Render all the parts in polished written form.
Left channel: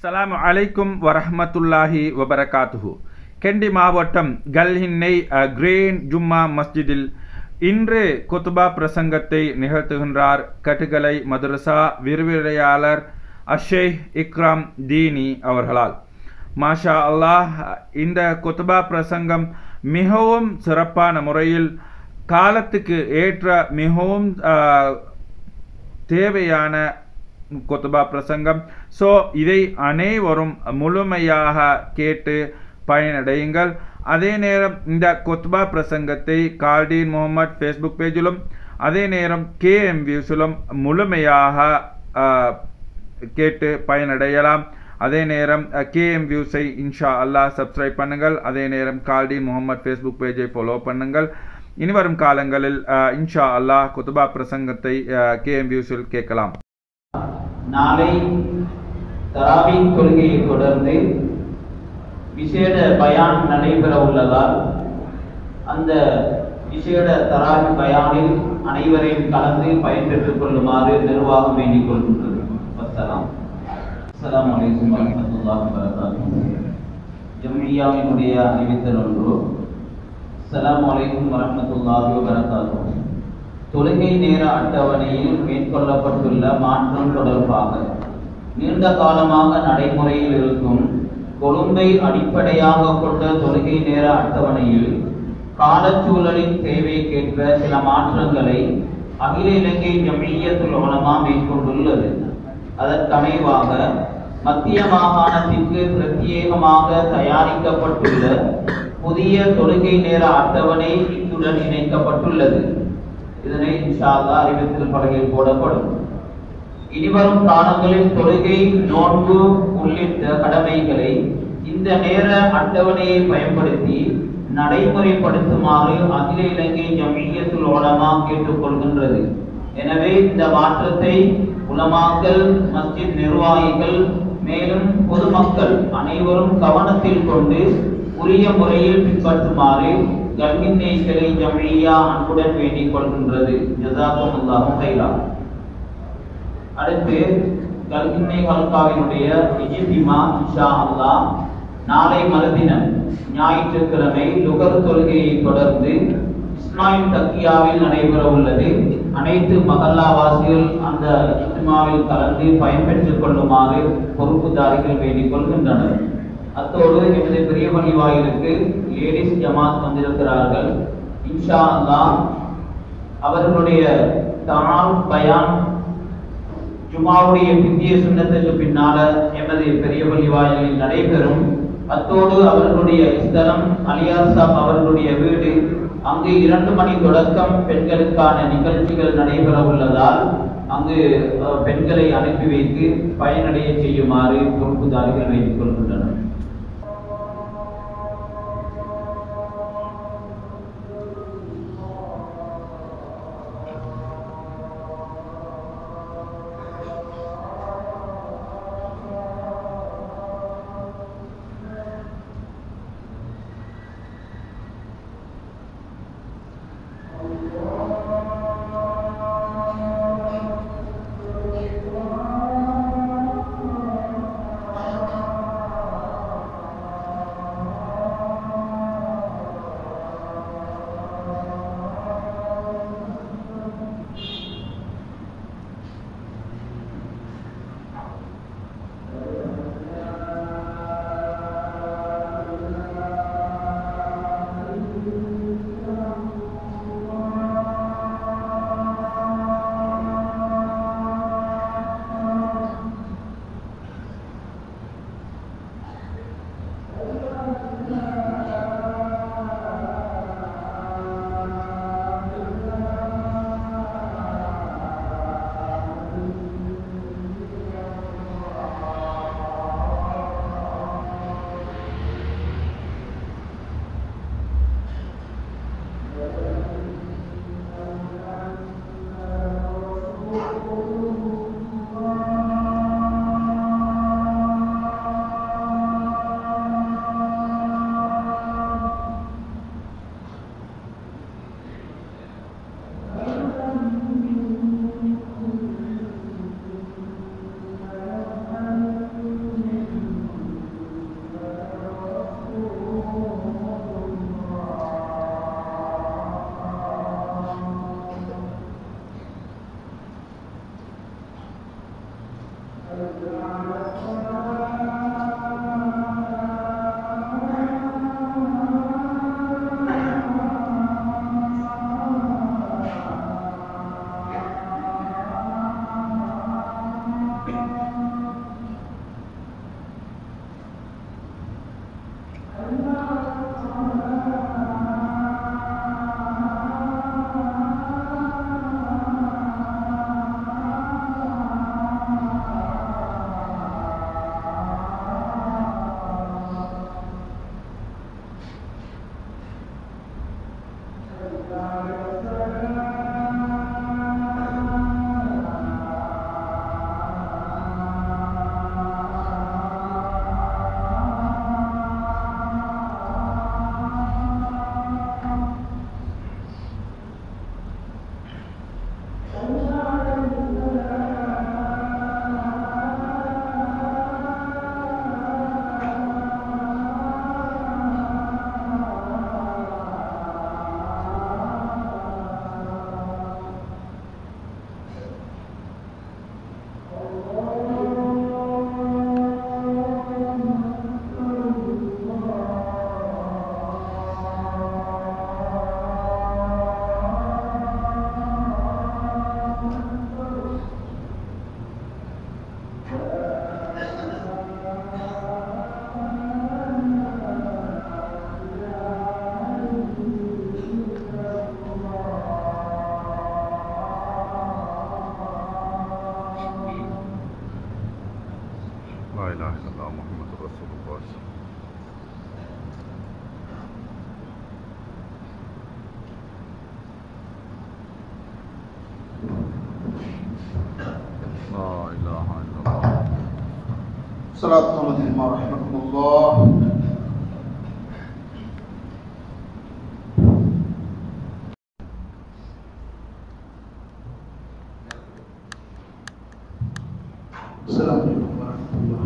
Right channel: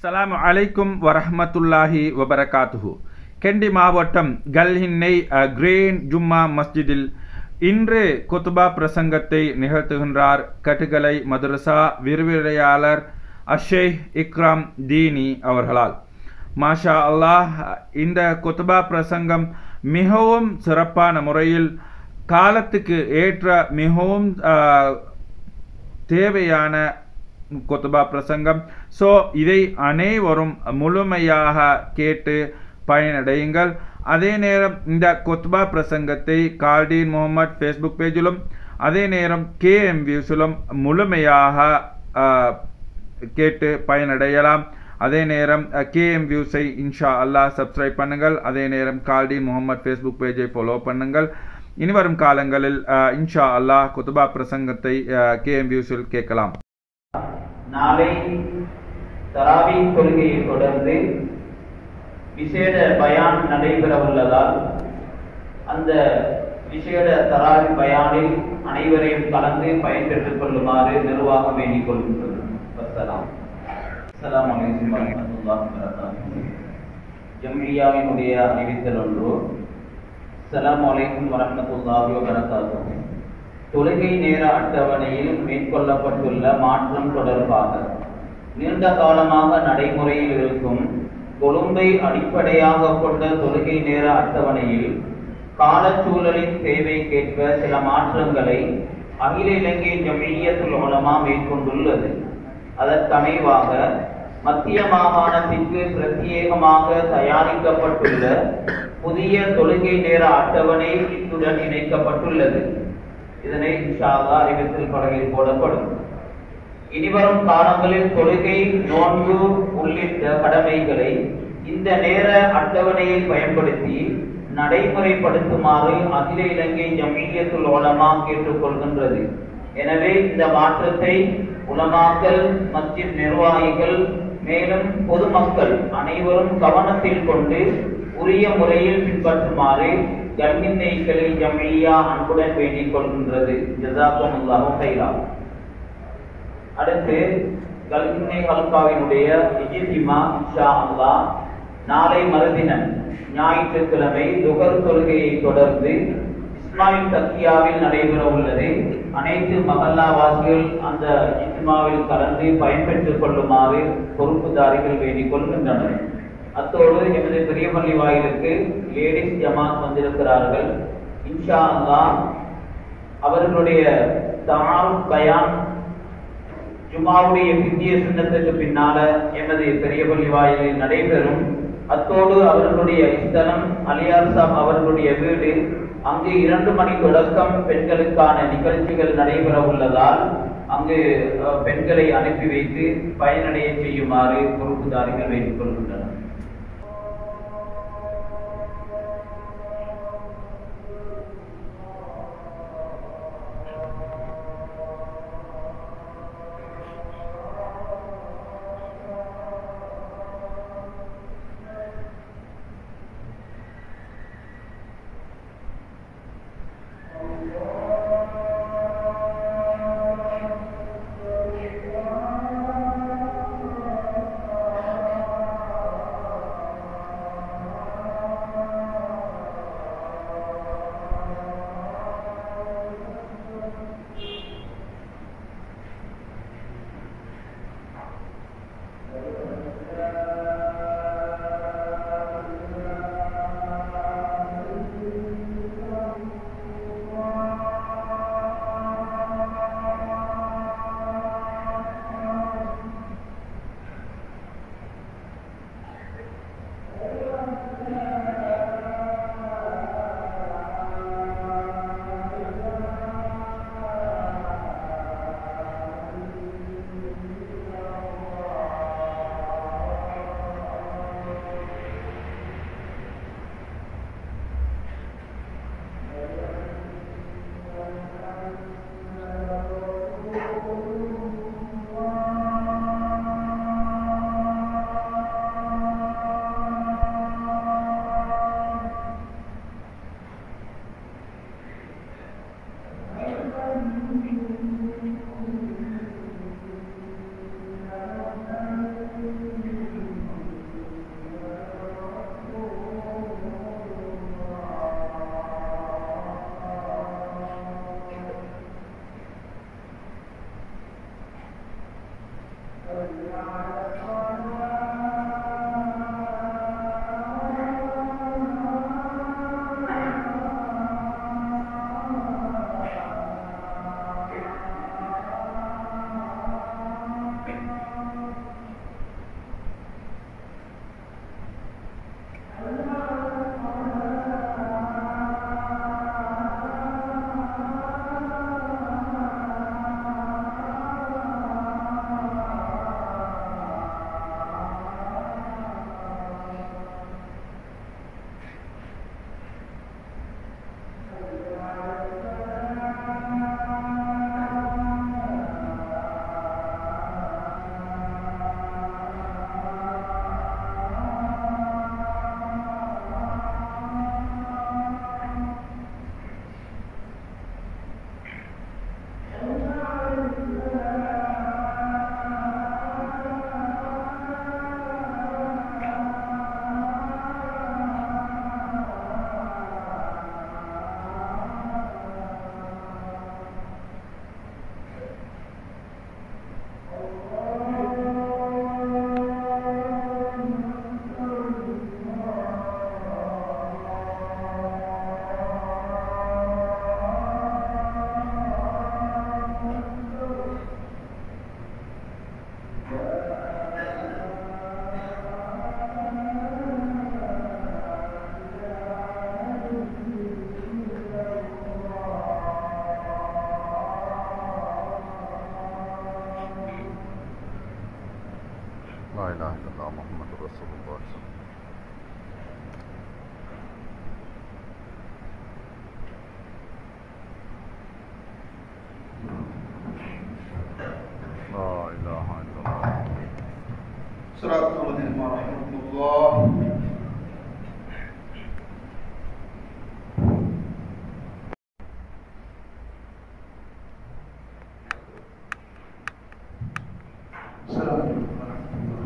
அஸ்ஸலாமு அலைக்கும் வரஹ்மத்துல்லாஹி வபரகாத்துஹு. கெண்டி மாவட்டம் கல்ஹின்னை கிரேன் ஜும்மா மஸ்ஜிதில் இன்று குத்பா பிரசங்கத்தை நிகழ்த்துகின்றார் கட்டுகலை மதரசா விரிவுரையாளர் அஷேக் இக்ராம் தீனி அவர்களால். மாஷா அல்லாஹ், இந்த குத்பா பிரசங்கம் மிகவும் சிறப்பான முறையில் காலத்துக்கு ஏற்ற மிகவும் தேவையான குத்பா பிரசங்கம். ஸோ இதை அனைவரும் முழுமையாக கேட்டு பயனடையுங்கள். அதே நேரம் இந்த குத்பா பிரசங்கத்தை கால்டீன் முகமது ஃபேஸ்புக் பேஜிலும் அதே நேரம் KM வியூஸிலும் முழுமையாக கேட்டு பயனடையலாம். அதே நேரம் KM வியூஸை இன்ஷா அல்லாஹ் சப்ஸ்கிரைப் பண்ணுங்கள். அதே நேரம் கால்டீன் முகமது ஃபேஸ்புக் பேஜை ஃபாலோ பண்ணுங்கள். இனிவரும் காலங்களில் இன்ஷா அல்லாஹ் குத்பா பிரசங்கத்தை KM வியூஸில் கேட்கலாம். நாளை தராவீஹ் தொழுகையை தொடர்ந்து விசேட பயான் நடைபெற உள்ளதால் அந்த விசேட தராவீஹ் பயானில் அனைவரையும் கலந்து பயன்பெற்றுக் கொள்ளுமாறு நிர்வாகம் வேண்டிக் கொள்கின்றது. அஸ்ஸலாமு அலைக்கும் வரஹ்மத்துல்லாஹி வபரகாத்துஹு. ஜம்மியாவினுடைய அறிவித்தல் ஒன்று. அஸ்ஸலாமு அலைக்கும் வரஹ்மத்துல்லாஹி வபரகாத்துஹு. தொழுகை நேர அட்டவணையில் மேற்கொள்ளப்பட்டுள்ள மாற்றம் தொடர்பாக நீண்ட காலமாக நடைமுறையில் இருக்கும் கொழும்பை அடிப்படையாக கொண்ட தொழுகை நேர அட்டவணையில் காலச்சூழலின் தேவைக்கேற்ப சில மாற்றங்களை அகில இலங்கை ஜம்மிய்யத்துல் உலமா மேற்கொண்டுள்ளது. அதற்கமைவாக மத்திய மாகாணத்திற்கு பிரத்யேகமாக தயாரிக்கப்பட்டுள்ள புதிய தொழுகை நேர அட்டவணை இத்துடன் இணைக்கப்பட்டுள்ளது. இதனை இன்ஷா அல்லாஹ் அறிவித்தல் பலகையில் போடப்படும். இனிவரும் காலங்களில் தொழுகை, நோன்பு உள்ளிட்ட கடமைகளை இந்த நேர அட்டவணையை பயன்படுத்தி நடைமுறைப்படுத்துமாறு அகில இலங்கை ஜம்மிய்யத்துல் உலமா கேட்டுக்கொள்கின்றது. எனவே இந்த மாற்றத்தை உலமாக்கள், மஸ்ஜித் நிர்வாகிகள், மேலும் பொதுமக்கள் அனைவரும் கவனத்தில் கொண்டு உரிய முறையில் பின்பற்றுமாறு கல்ஹின்னை கிளை ஜம்மிய்யா அன்புடன் வேண்டிக் கொள்கின்றது. ஜஸாக்குமுல்லாஹு கைரா. அடுத்து கல்ஹின்னை ஹல்காவினுடைய இஜ்திமா இன்ஷா அல்லாஹ் நாளை மறுதினம் ஞாயிற்றுக்கிழமை லுகர் தொழுகையை தொடர்ந்து இஸ்மாயில் தக்கியாவில் நடைபெற உள்ளது. அனைத்து மகல்லாவாசிகள் அந்த இஜ்திமாவில் கலந்து பயன்பெற்றுக் கொள்ளுமாறு பொறுப்புதாரிகள் வேண்டிக் கொள்கின்றனர். அத்தோடு எமது பெரிய பள்ளி வாயிலுக்கு லேடிஸ் ஜமாத் வந்திருக்கிறார்கள். இன்ஷா அல்லாஹ் அவர்களுடைய தால் பயான் ஜுமாவுடைய பிந்திய சுன்னத்துக்கு பின்னால எமது பெரிய பள்ளி வாயிலில் நடைபெறும். அத்தோடு அவர்களுடைய ஸ்தலம் அலியார் சாப் அவர்களுடைய வீடு, அங்கு 2 மணி தொடக்கம் பெண்களுக்கான நிகழ்ச்சிகள் நடைபெற உள்ளதால் அங்கு பெண்களை அனுப்பி வைத்து பயனடைய செய்யுமாறு பொறுப்புதாரிகள் வேண்டிக் கொள்கின்றனர். இலாஹ இல்லல்லாஹ் முஹம்மது ரசூலுல்லாஹ். லா இலாஹ இல்லல்லாஹ். ஸலாத்து அலைஹி வ ரஹ்மத்துல்லாஹ். السلام عليكم ورحمة الله.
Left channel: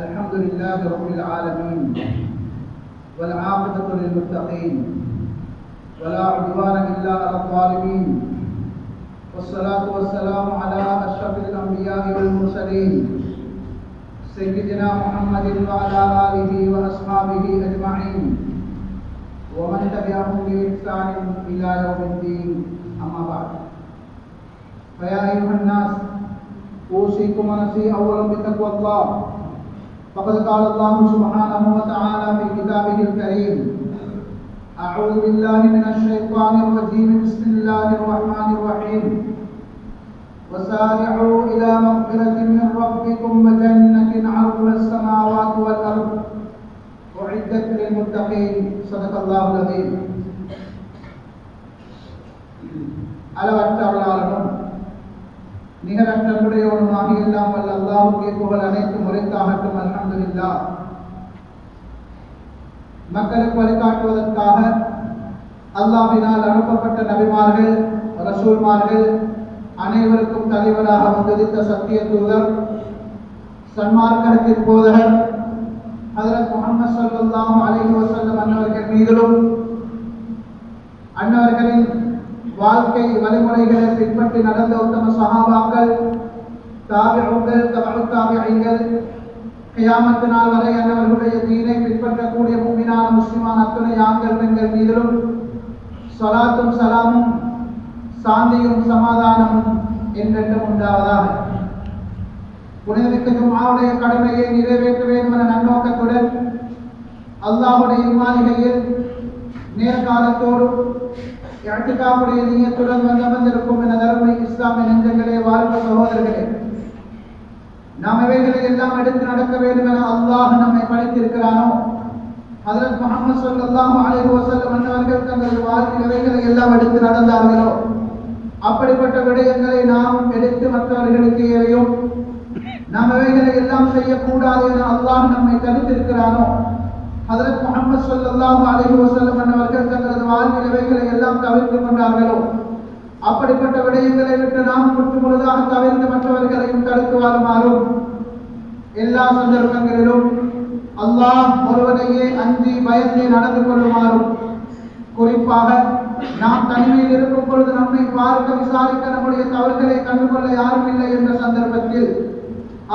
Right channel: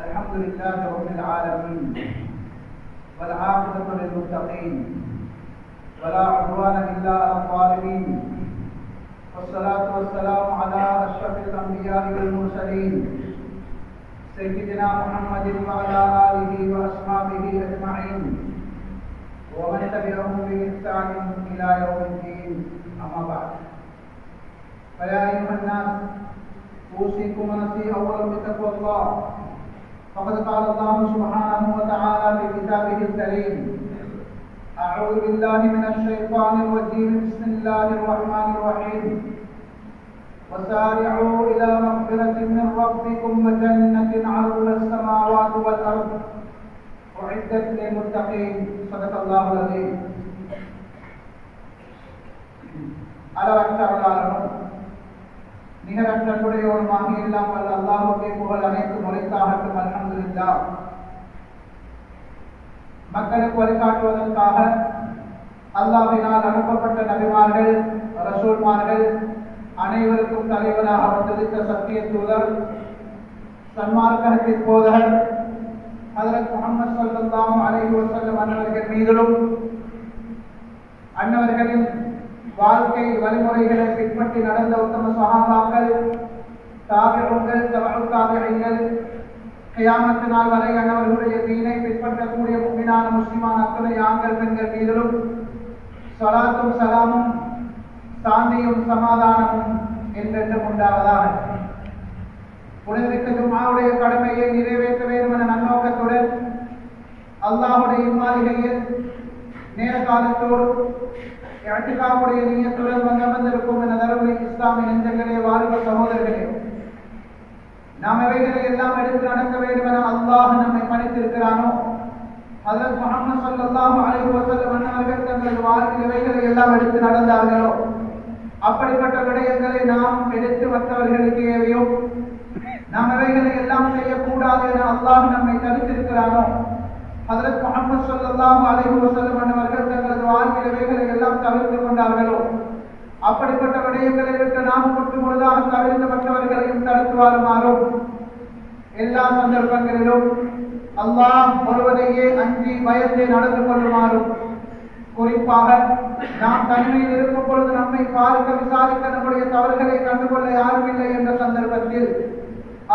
الحمد لله رب العالمين والعاقبة للمتقين ولا عدوان إلا على الظالمين والصلاة والسلام على أشرف الأنبياء والمرسلين سيدنا محمد وعلى آله وأصحابه أجمعين ومن تبعهم بإحسان إلى يوم الدين. أما بعد، فيا أيها الناس أوصيكم ونفسي أولا بتقوى الله، فقد قال الله سبحانه وتعالى في كتابه الكريم: أعوذ بالله من الشيطان الرجيم، بسم الله الرحمن الرحيم، وسارعوا إلى مغفرة من ربكم وجنة عرضها السماوات والأرض أعدت للمتقين. صدق الله العظيم. அளவற்ற அருளாளனும் நிகரற்ற அன்புடையவனுமாக எல்லாம் வல்ல அல்லாஹ்வுக்கே புகழ் அனைத்தும் உரித்தாகட்டும். அல்ஹம்துலில்லாஹ். மக்களுக்கு வழிகாட்டுவதற்காக அல்லாஹ்வினால் அனுப்பப்பட்ட நபிமார்கள், ரசூல்மார்கள் அனைவருக்கும் தலைவராக வந்திருந்த சத்திய தூதர், சன்மார்க்கத்தின் போதகர் ஹஜ்ரத் முஹம்மது ஸல்லல்லாஹு அலைஹி வஸல்லம் அன்னவர்கள் மீதிலும் அன்னவர்களின் வாழ்க்கை வழிமுறைகளை பின்பற்றி நடந்த உத்தம சஹாபாக்கள், தாபிஊன்கள், தபஉ தாபிஈன்கள், கியாமத் நாள் வரை அன்னவர்களுடைய தீனை பின்பற்றக்கூடிய முஃமினான முஸ்லிமான அத்தனை ஆண்கள் பெண்கள் மீதிலும் ஸலாத்தும் சலாமும் சாந்தியும் சமாதானமும் என்றென்றும் உண்டாவதாக. புனிதமிக்க ஜும்ஆவுடைய கடமையை நிறைவேற்ற வேண்டும் என நன்னோக்கத்துடன் அல்லாஹ்வுடைய மாளிகையில் நேர்காலத்தோடு இஅ்திகாஃபுடைய நியத்துடன் வந்திருக்கும் என தருமை இஸ்லாமிய நெஞ்சங்களே, வாழ்வு சகோதரர்களே, நாம் எவைகளை எல்லாம் எடுத்து நடக்க வேண்டும் என அல்லாஹ் நம்மை படைத்திருக்கிறானோ, ஹஜ்ரத் முஹம்மது ஸல்லல்லாஹு அலைஹி வஸல்லம் அவர்கள் தங்கள் வாழ்க்கையில் எவைகளை எல்லாம் எடுத்து நடந்தார்களோ அப்படிப்பட்ட விடயங்களை நாம் எடுத்து மற்றவர்களுக்கு ஏவையும் நாம் இவைகளை எல்லாம் செய்யக்கூடாது என அல்லாஹ் நம்மை தடுத்திருக்கிறானோ, ஹஜ்ரத் முஹம்மது ஸல்லல்லாஹு அலைஹி வஸல்லம் அவர்கள் தங்களது வாழ்வில் இவைகளை எல்லாம் தவிர்த்து கொண்டார்களோ அப்படிப்பட்ட விடயங்களை விட்டு நாம் முற்றுமுழுதாக தவிர்த்து மற்றவர்களையும் தடுத்து வாழுமாறும், எல்லா சந்தர்ப்பங்களிலும் அல்லாஹ் ஒருவரையே அஞ்சி பயந்து நடந்து கொள்ளுமாறும், குறிப்பாக நாம் தனிமையில் இருக்கும் பொழுது நம்மை பார்க்க விசாரிக்க நம்முடைய தவறுகளை கண்டுகொள்ள யாரும் இல்லை என்ற சந்தர்ப்பத்தில்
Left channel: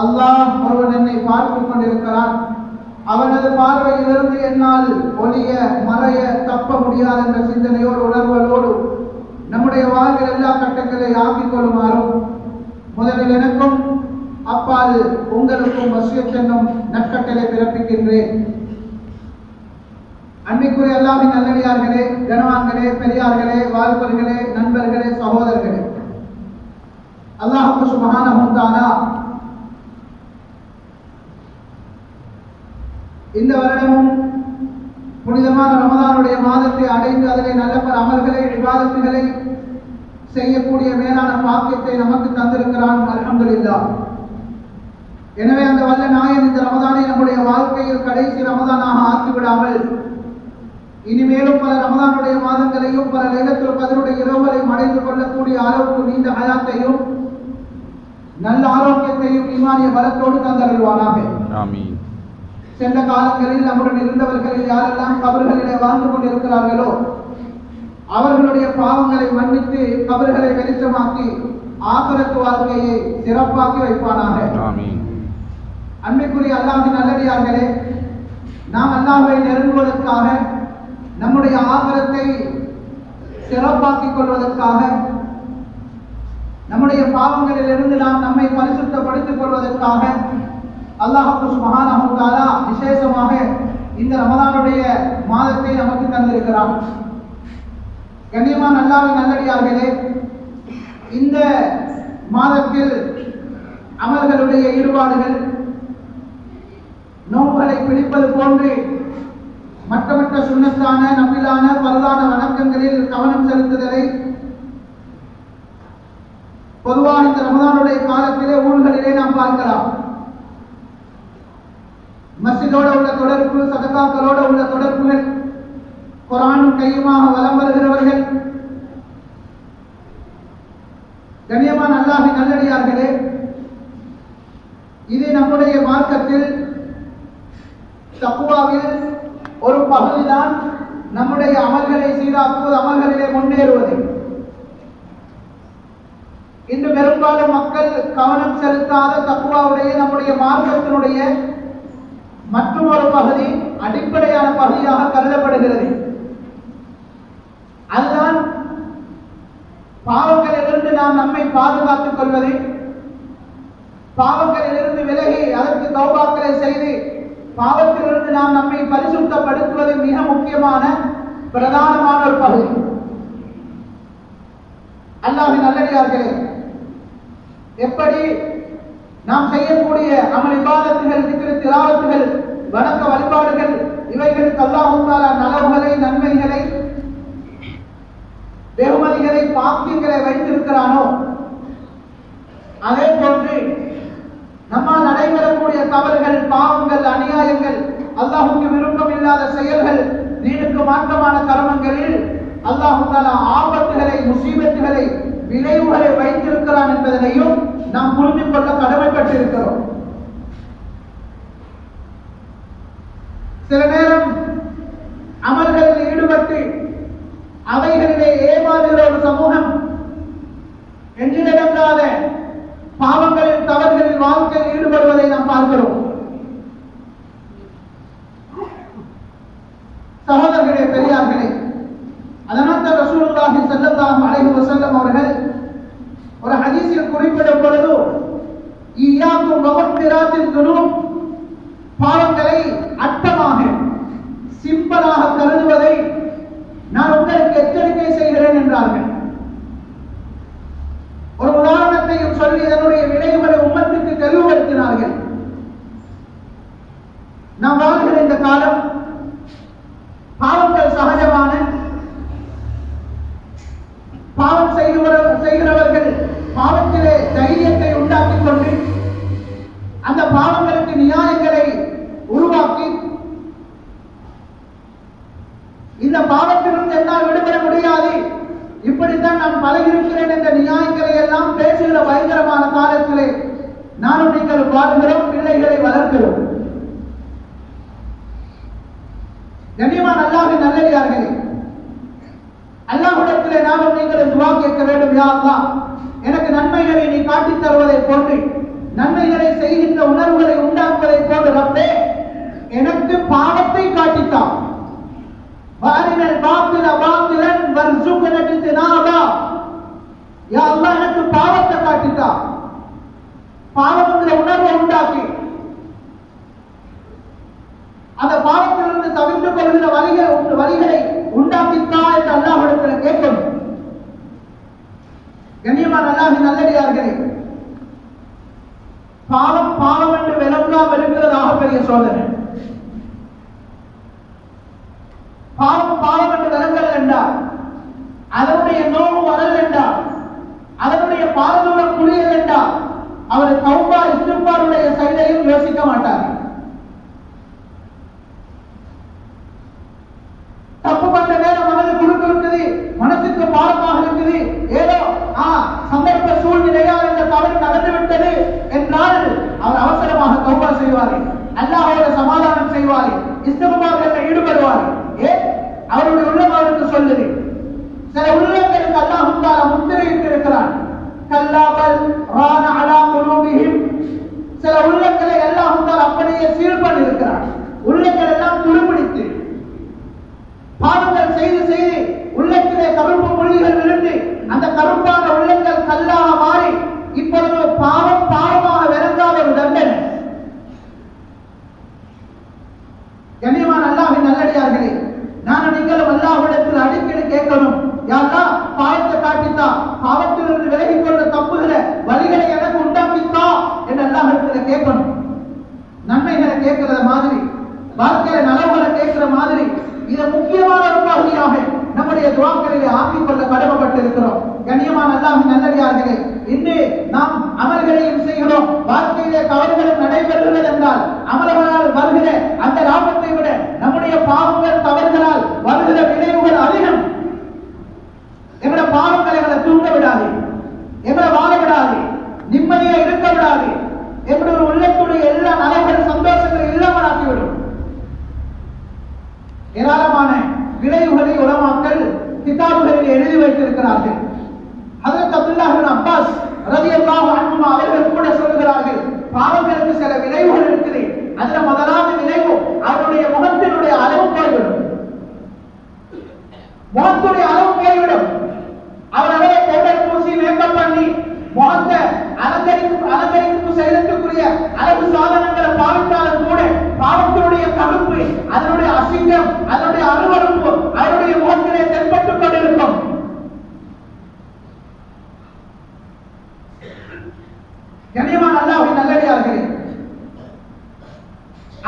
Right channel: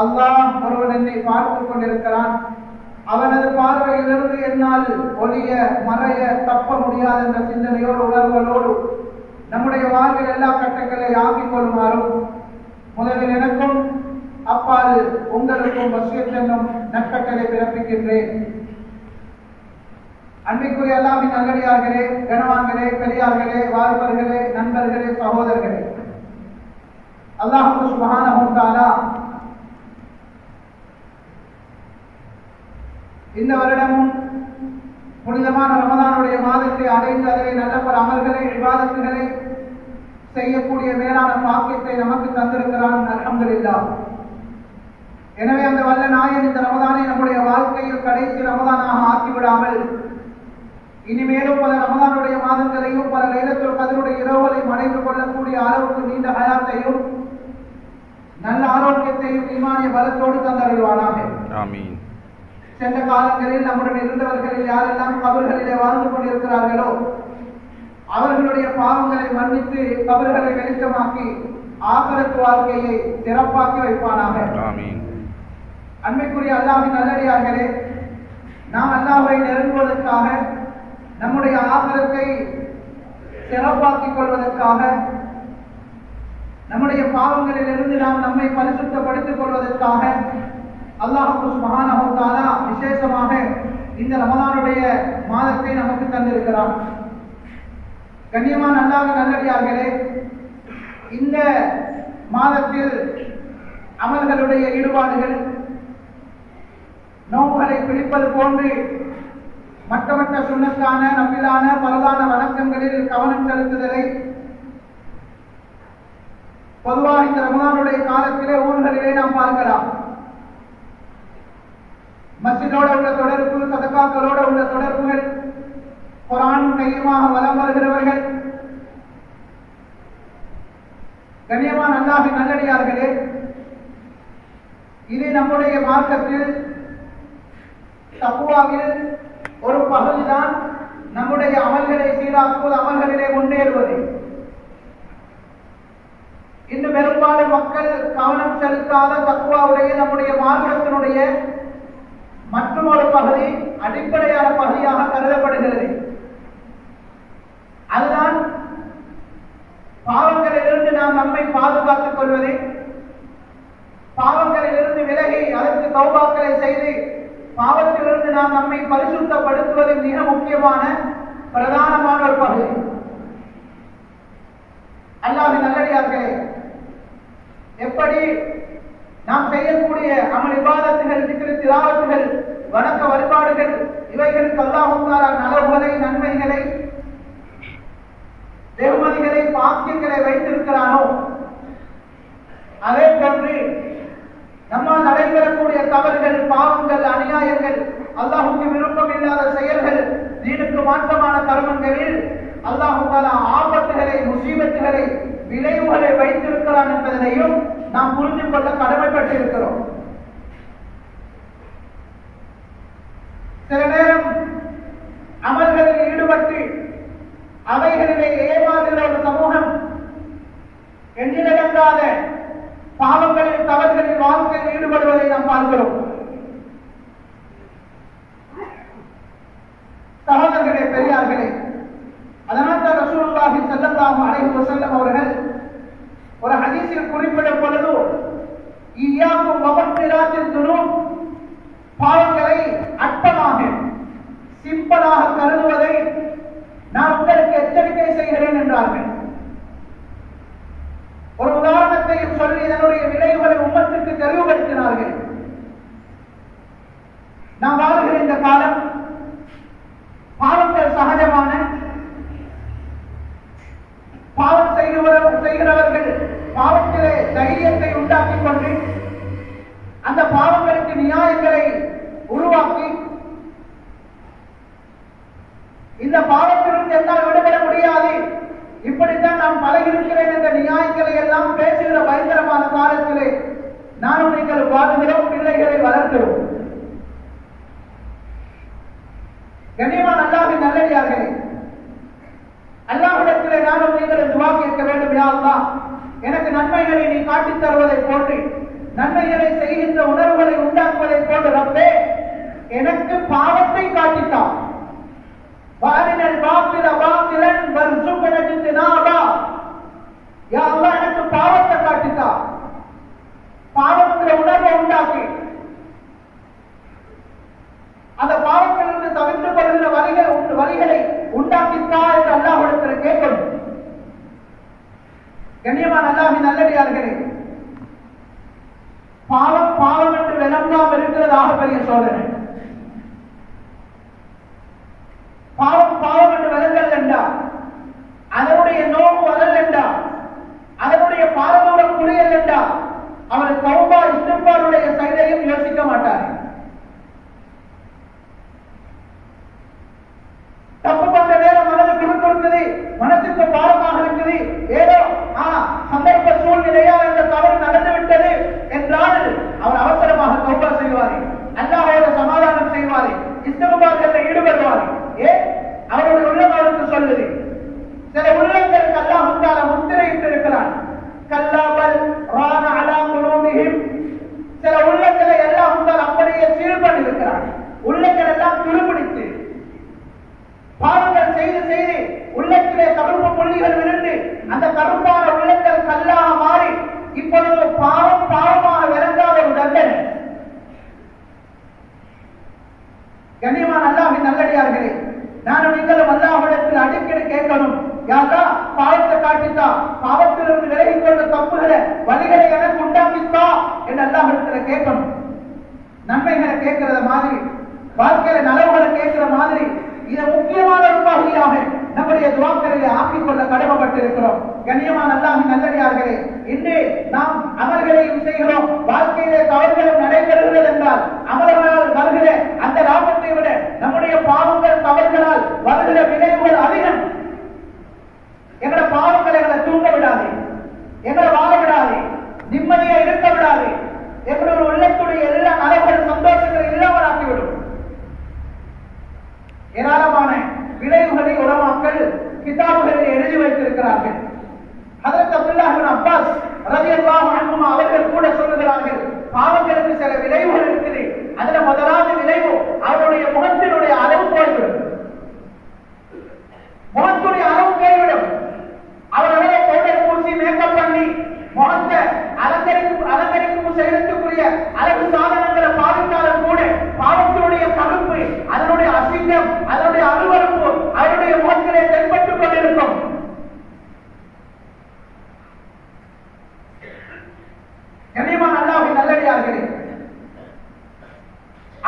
அல்லாஹ் ஒருவன் என்னை பார்த்துக் கொண்டிருக்கிறான், அவனது பார்வையிலிருந்து என்னால் ஒளிய மறைய தப்ப முடியாது என்ற சிந்தனையோடு உணர்வுகளோடு நம்முடைய வாழ்வில் எல்லா கட்டங்களை ஆக்கிக் கொள்ளுமாறும் முதலில் எனக்கும் அப்பால் உங்களுக்கும் வசியத் என்னும் நற்கட்டளை பிறப்பிக்கின்றேன். அன்பிற்குரிய அல்லாஹ்வின் நல்லடியார்களே, கனவான்களே, பெரியார்களே, வாலிபர்களே, நண்பர்களே, சகோதரர்களே, அல்லாஹ் சுப்ஹானஹு வ தஆலா இந்த வருடமும் புனிதமான ரமதானுடைய மாதத்தை அடைந்து அதிலே நல்ல பல அமல்களை, இபாதத்துகளை செய்யக்கூடிய மேலான பாக்கியத்தை நமக்கு தந்திருக்கிறான். அல்ஹம்துலில்லாஹ். எனவே அந்த வல்ல நாயன் இந்த ரமதானை நம்முடைய வாழ்க்கையில் கடைசி ரமதானாக ஆக்கிவிடாமல் இனிமேலும் பல ரமதானுடைய மாதங்களையும் பல லைலத்துல் கத்ருடைய இரவுகளையும் அடைந்து கொள்ளக்கூடிய அளவுக்கு நீண்ட ஹயாத்தையும் நல்ல ஆரோக்கியத்தையும் ஈமானிய பலத்தோடு தந்தருள்வானாக. ஆமீன். சென்ற காலங்களில் நம்முடன் இருந்தவர்களில் யாரெல்லாம் கபர்களிலே வாழ்ந்து கொண்டிருக்கிறார்களோ அவர்களுடைய பாவங்களை மன்னித்து கபர்களை வெளிச்சமாக்கி ஆகிரத் வாழ்க்கையை சிறப்பாக்கி வைப்பானாக. ஆமீன். அன்பிற்குரிய அல்லாஹ்வின் நல்லடியார்களே, நாம் அல்லாஹ்வை நெருங்குவதற்காக, நம்முடைய ஆகிரத்தை சிறப்பாக்கிக் கொள்வதற்காக, நம்முடைய பாவங்களிலிருந்து நாம் நம்மை பரிசுத்தப்படுத்திக் கொள்வதற்காக அல்லாஹ் சுப்ஹானஹு வ தஆலா விசேஷமாக இந்த ரமதானுடைய மாதத்தை நமக்கு தந்திருக்கிறார். கண்ணியமான அல்லாஹ்வின் நல்லடியார்களே, இந்த மாதத்தில் அமல்களுடைய ஈடுபாடுகள் நோன்புகளை பிடிப்பது போன்று மற்ற சுன்னத்தான நபிலான பரதான வணக்கங்களில் கவனம் செலுத்துதலை பொதுவாக இந்த ரமதானுடைய காலத்திலே ஊர்களிலே நாம் பார்க்கலாம். மஸ்ஜிதோட உள்ள தொடர்பு, சதகாக்களோட உள்ள தொடர்புகள், குர்ஆனும் கையுமாக வலம் வருகிறவர்கள். கண்ணியமான அல்லாஹ்வின் நல்லடியார்களே, இது நம்முடைய மார்க்கத்தில் தக்வாவில் ஒரு பகுதிதான் நம்முடைய அமல்களை சீராக்குவது, அமல்களிலே முன்னேறுவது. இன்று பெரும்பாலும் மக்கள் கவனம் செலுத்தாத தக்வாவுடைய நம்முடைய மார்க்கத்தினுடைய மற்றொரு பகுதி அடிப்படையான பகுதியாக கருதப்படுகிறது. அதுதான் பாவங்களிலிருந்து நாம் நம்மை பாதுகாத்துக் கொள்வது, பாவங்களிலிருந்து விலகி அதற்கு தௌபாக்களை செய்து பாவத்திலிருந்து நாம் நம்மை பரிசுத்தப்படுத்துவது மிக முக்கியமான பிரதானமான ஒரு பகுதி. அல்லாஹ்வின் நல்லடியார்களே, எப்படி நாம் செய்யக்கூடிய அமல் இபாதத்துகள், திக்ர், திலாவத்துகள், வணக்க வழிபாடுகள், இவைகளுக்கு அல்லாஹ் நலவுகளை, நன்மைகளை, வெகுமதிகளை, பாக்கியங்களை வைத்திருக்கிறானோ அதே போன்று நம்மால் நடைபெறக்கூடிய தவறுகள், பாவங்கள், அநியாயங்கள், அல்லாஹ்வுக்கு விருப்பம் இல்லாத செயல்கள், தீனுக்கு மாற்றமான கர்மங்களில் அல்லாஹ் தஆலா ஆபத்துகளை, முசீபத்துகளை, விளைவுகளை வைத்திருக்கிறான் என்பதனையும் நாம் புரிந்து கொள்ள கடமைப்பட்டிருக்கிறோம். சில நேரம் அமல்களில் ஈடுபட்டு அவைகளிலே ஏமாறுகிற ஒரு சமூகம் எண்ணிலடங்காத பாவங்களில், தவறுகளில் வாழ்க்கையில் ஈடுபடுவதை நாம் பார்க்கிறோம். சகோதரர்களே, பெரியார்களே, அதனால் தான் ரசூலுல்லாஹி ஸல்லல்லாஹு அலைஹி வஸல்லம் அவர்கள் ஒரு ஹதீஸில் குறிப்பிடும் பொழுது, இய்யாக்கும் வமக்திராத்தின் துனூப், பாவங்களை அட்டமாக சிம்பிளாக கருதுவதை நான் உங்களுக்கு எச்சரிக்கை செய்கிறேன் என்றார்கள். ஒரு உதாரணத்தையும் சொல்லி இதனுடைய விளைவுகளை உம்மத்துக்கு தெளிவுபடுத்தினார்கள். நாம் வாழ்கிற இந்த காலம் பாவங்கள் சகஜமான, பாவம் செய்கிறவர்கள் பாவத்திலே தைரியத்தை உண்டாக்கிக் கொண்டு இந்த பாவத்திலிருந்து என்னால் விடுபட முடியாது, இப்படித்தான் நான் பழகிருக்கிறேன் என்ற நியாயங்களை எல்லாம் பேசுகிற பயங்கரமான காலத்திலே நானும் நீங்கள் வாழ்கிறோம், பிள்ளைகளை வளர்க்கிறோம். கண்ணியமான அல்லாஹ்வின் நல்லடியார்களே, அல்லாஹ்விடத்திலே நானும் நீங்கள் துஆ கேட்க வேண்டும். யா அல்லாஹ், எனக்கு நன்மைகளை நீ காட்டித் தருவதை போன்று, நன்மைகளை செய்கின்ற உணர்வுகளை உண்டாக்குவதை போன்று ரப்பே எனக்கு பாவத்தை காட்டித்தா. வாரினல் பாத்தில பாத்திலன் வர்சுகன பித்னாபா. யா அல்லாஹ், எனக்கு பாவத்தை காட்டித்தா, பாவம்ங்கிற உணர்வை உண்டாக்கி அந்த பாவத்திலிருந்து தவிர்த்து கொள்கிற வழிகளை உண்டாக்கித்தா என்று அல்லாஹ்விடத்தில் கேட்கணும். கண்ணியமான அல்லாஹ்வின் நல்லடியார்களே, பாவம் பாவம் என்று விளங்காமல் இருக்கிறதாக பெரிய சோதனை. பாவம் பாவம் என்று விளங்கல் என்றால், அதனுடைய நோவு வரல் என்றால், அதனுடைய பாரதூரம் குளியல் என்றால் அவர் தௌபா இஸ்திக்பாருடைய சைடையும் யோசிக்க மாட்டார். தப்பு பண்ற நேரம் மனது குறுக்கு இருக்குது, மனசுக்கு பாரமாக இருக்குது, ஏதோ சந்தர்ப்ப சூழ்நிலையால் அந்த தவறு நடந்துவிட்டது என்றால் அவர் அவசரமாக தௌபா செய்வார், அல்லாஹ்வோடு சமாதானம் செய்வார், இஸ்திக்பாரில் ஈடுபடுவார். ஏன்? அவருடைய உள்ளம் அவருக்கு சொல்லுது. சில உள்ளங்களுக்கு அல்லாஹ் தஆலா முத்திரையிட்டு இருக்கிறான். கல்லாபல் ரான அலா குலூபிஹிம். சில உள்ளங்களை அல்லாஹ் தஆலா அப்படியே சீல் பண்ணி இருக்கிறான். உள்ளங்கள் எல்லாம் துருப்பிடித்து பாவங்கள் செய்து செய்து உள்ளத்திலே கருப்பு புள்ளிகள் விழுந்து அந்த கருப்பான உள்ளங்கள் கல்லாக மாறி இப்பொழுது பாவம் பாவமாக விளங்காத ஒரு தண்டனை. கண்ணியமான அல்லாஹ்வின் நல்லடியார்களே, நானும் நீங்களும் அல்லாஹ்விடத்தில் அடிக்கடி கேட்கணும். யா அல்லாஹ், பாவத்தை காட்டித்தா, பாவத்திலிருந்து விலகிக் கொண்ட தப்புகளை வழிகளை எனக்கு உண்டாக்கித்தா என்று அல்லாஹ்விடத்தில் கேட்கணும். நன்மைகளை கேட்கிறத மாதிரி, வாழ்க்கையில நலவுகளை கேட்கிற மாதிரி இதை முக்கியமான ஒரு பகுதியாக நம்முடைய துஆக்களிலே ஆக்கிக் கொள்ள கடமைப்பட்டிருக்கிறோம். கண்ணியமான அல்லாஹ்வின் நல்லடியார்களே, இன்று நாம் அமல்களையும் செய்கிறோம், வாழ்க்கையிலே தவறுகளும் நடைபெறுகிறது என்றால் அமல்களால் வருகிற அந்த லாபத்தை விட நம்முடைய பாவங்கள் தவறுகளால் வருகிற விளைவுகள் அதிகம். எங்களை பாவங்களை எங்களை தூங்க விடாது, எங்களை வாழ விடாது, நிம்மதியை இருக்க விடாது, எங்களுடைய உள்ளத்துடைய எல்லா நலவுகள் சந்தோஷங்களை இல்லாமல் ஆக்கிவிடும். ஏராளமான விளைவுகளை உலமாக்கள் கிதாபுகளில் எழுதி வைத்திருக்கிறார்கள். ஹஜ்ரத் அப்துல்லாஹ் இப்னு அப்பாஸ் ரலியல்லாஹு அன்ஹுமா அவர்கள் கூட சொல்லுகிறார்கள், பாவங்களுக்கு சில விளைவுகள் இருக்குது. அதுல முதலாவது விளைவு அவருடைய முகத்தினுடைய அளவு போய்விடும். முகத்துடைய அளவு போய்விடும். அவரை பவுடர் பூசி மேக்கப் பண்ணி முகத்தை அலங்கரிக்கும் செய்யறதுக்குரிய அழகு சாதனங்களை பாவித்தாலும் கூட பாவத்தினுடைய கருப்பு, அதனுடைய அசிங்கம், அதனுடைய அருவருப்பு அவருடைய முகத்திலே தென்பட்டுக் கொண்டிருக்கும். கண்ணியமான அல்லாஹ்வின் நல்லடியார்களே,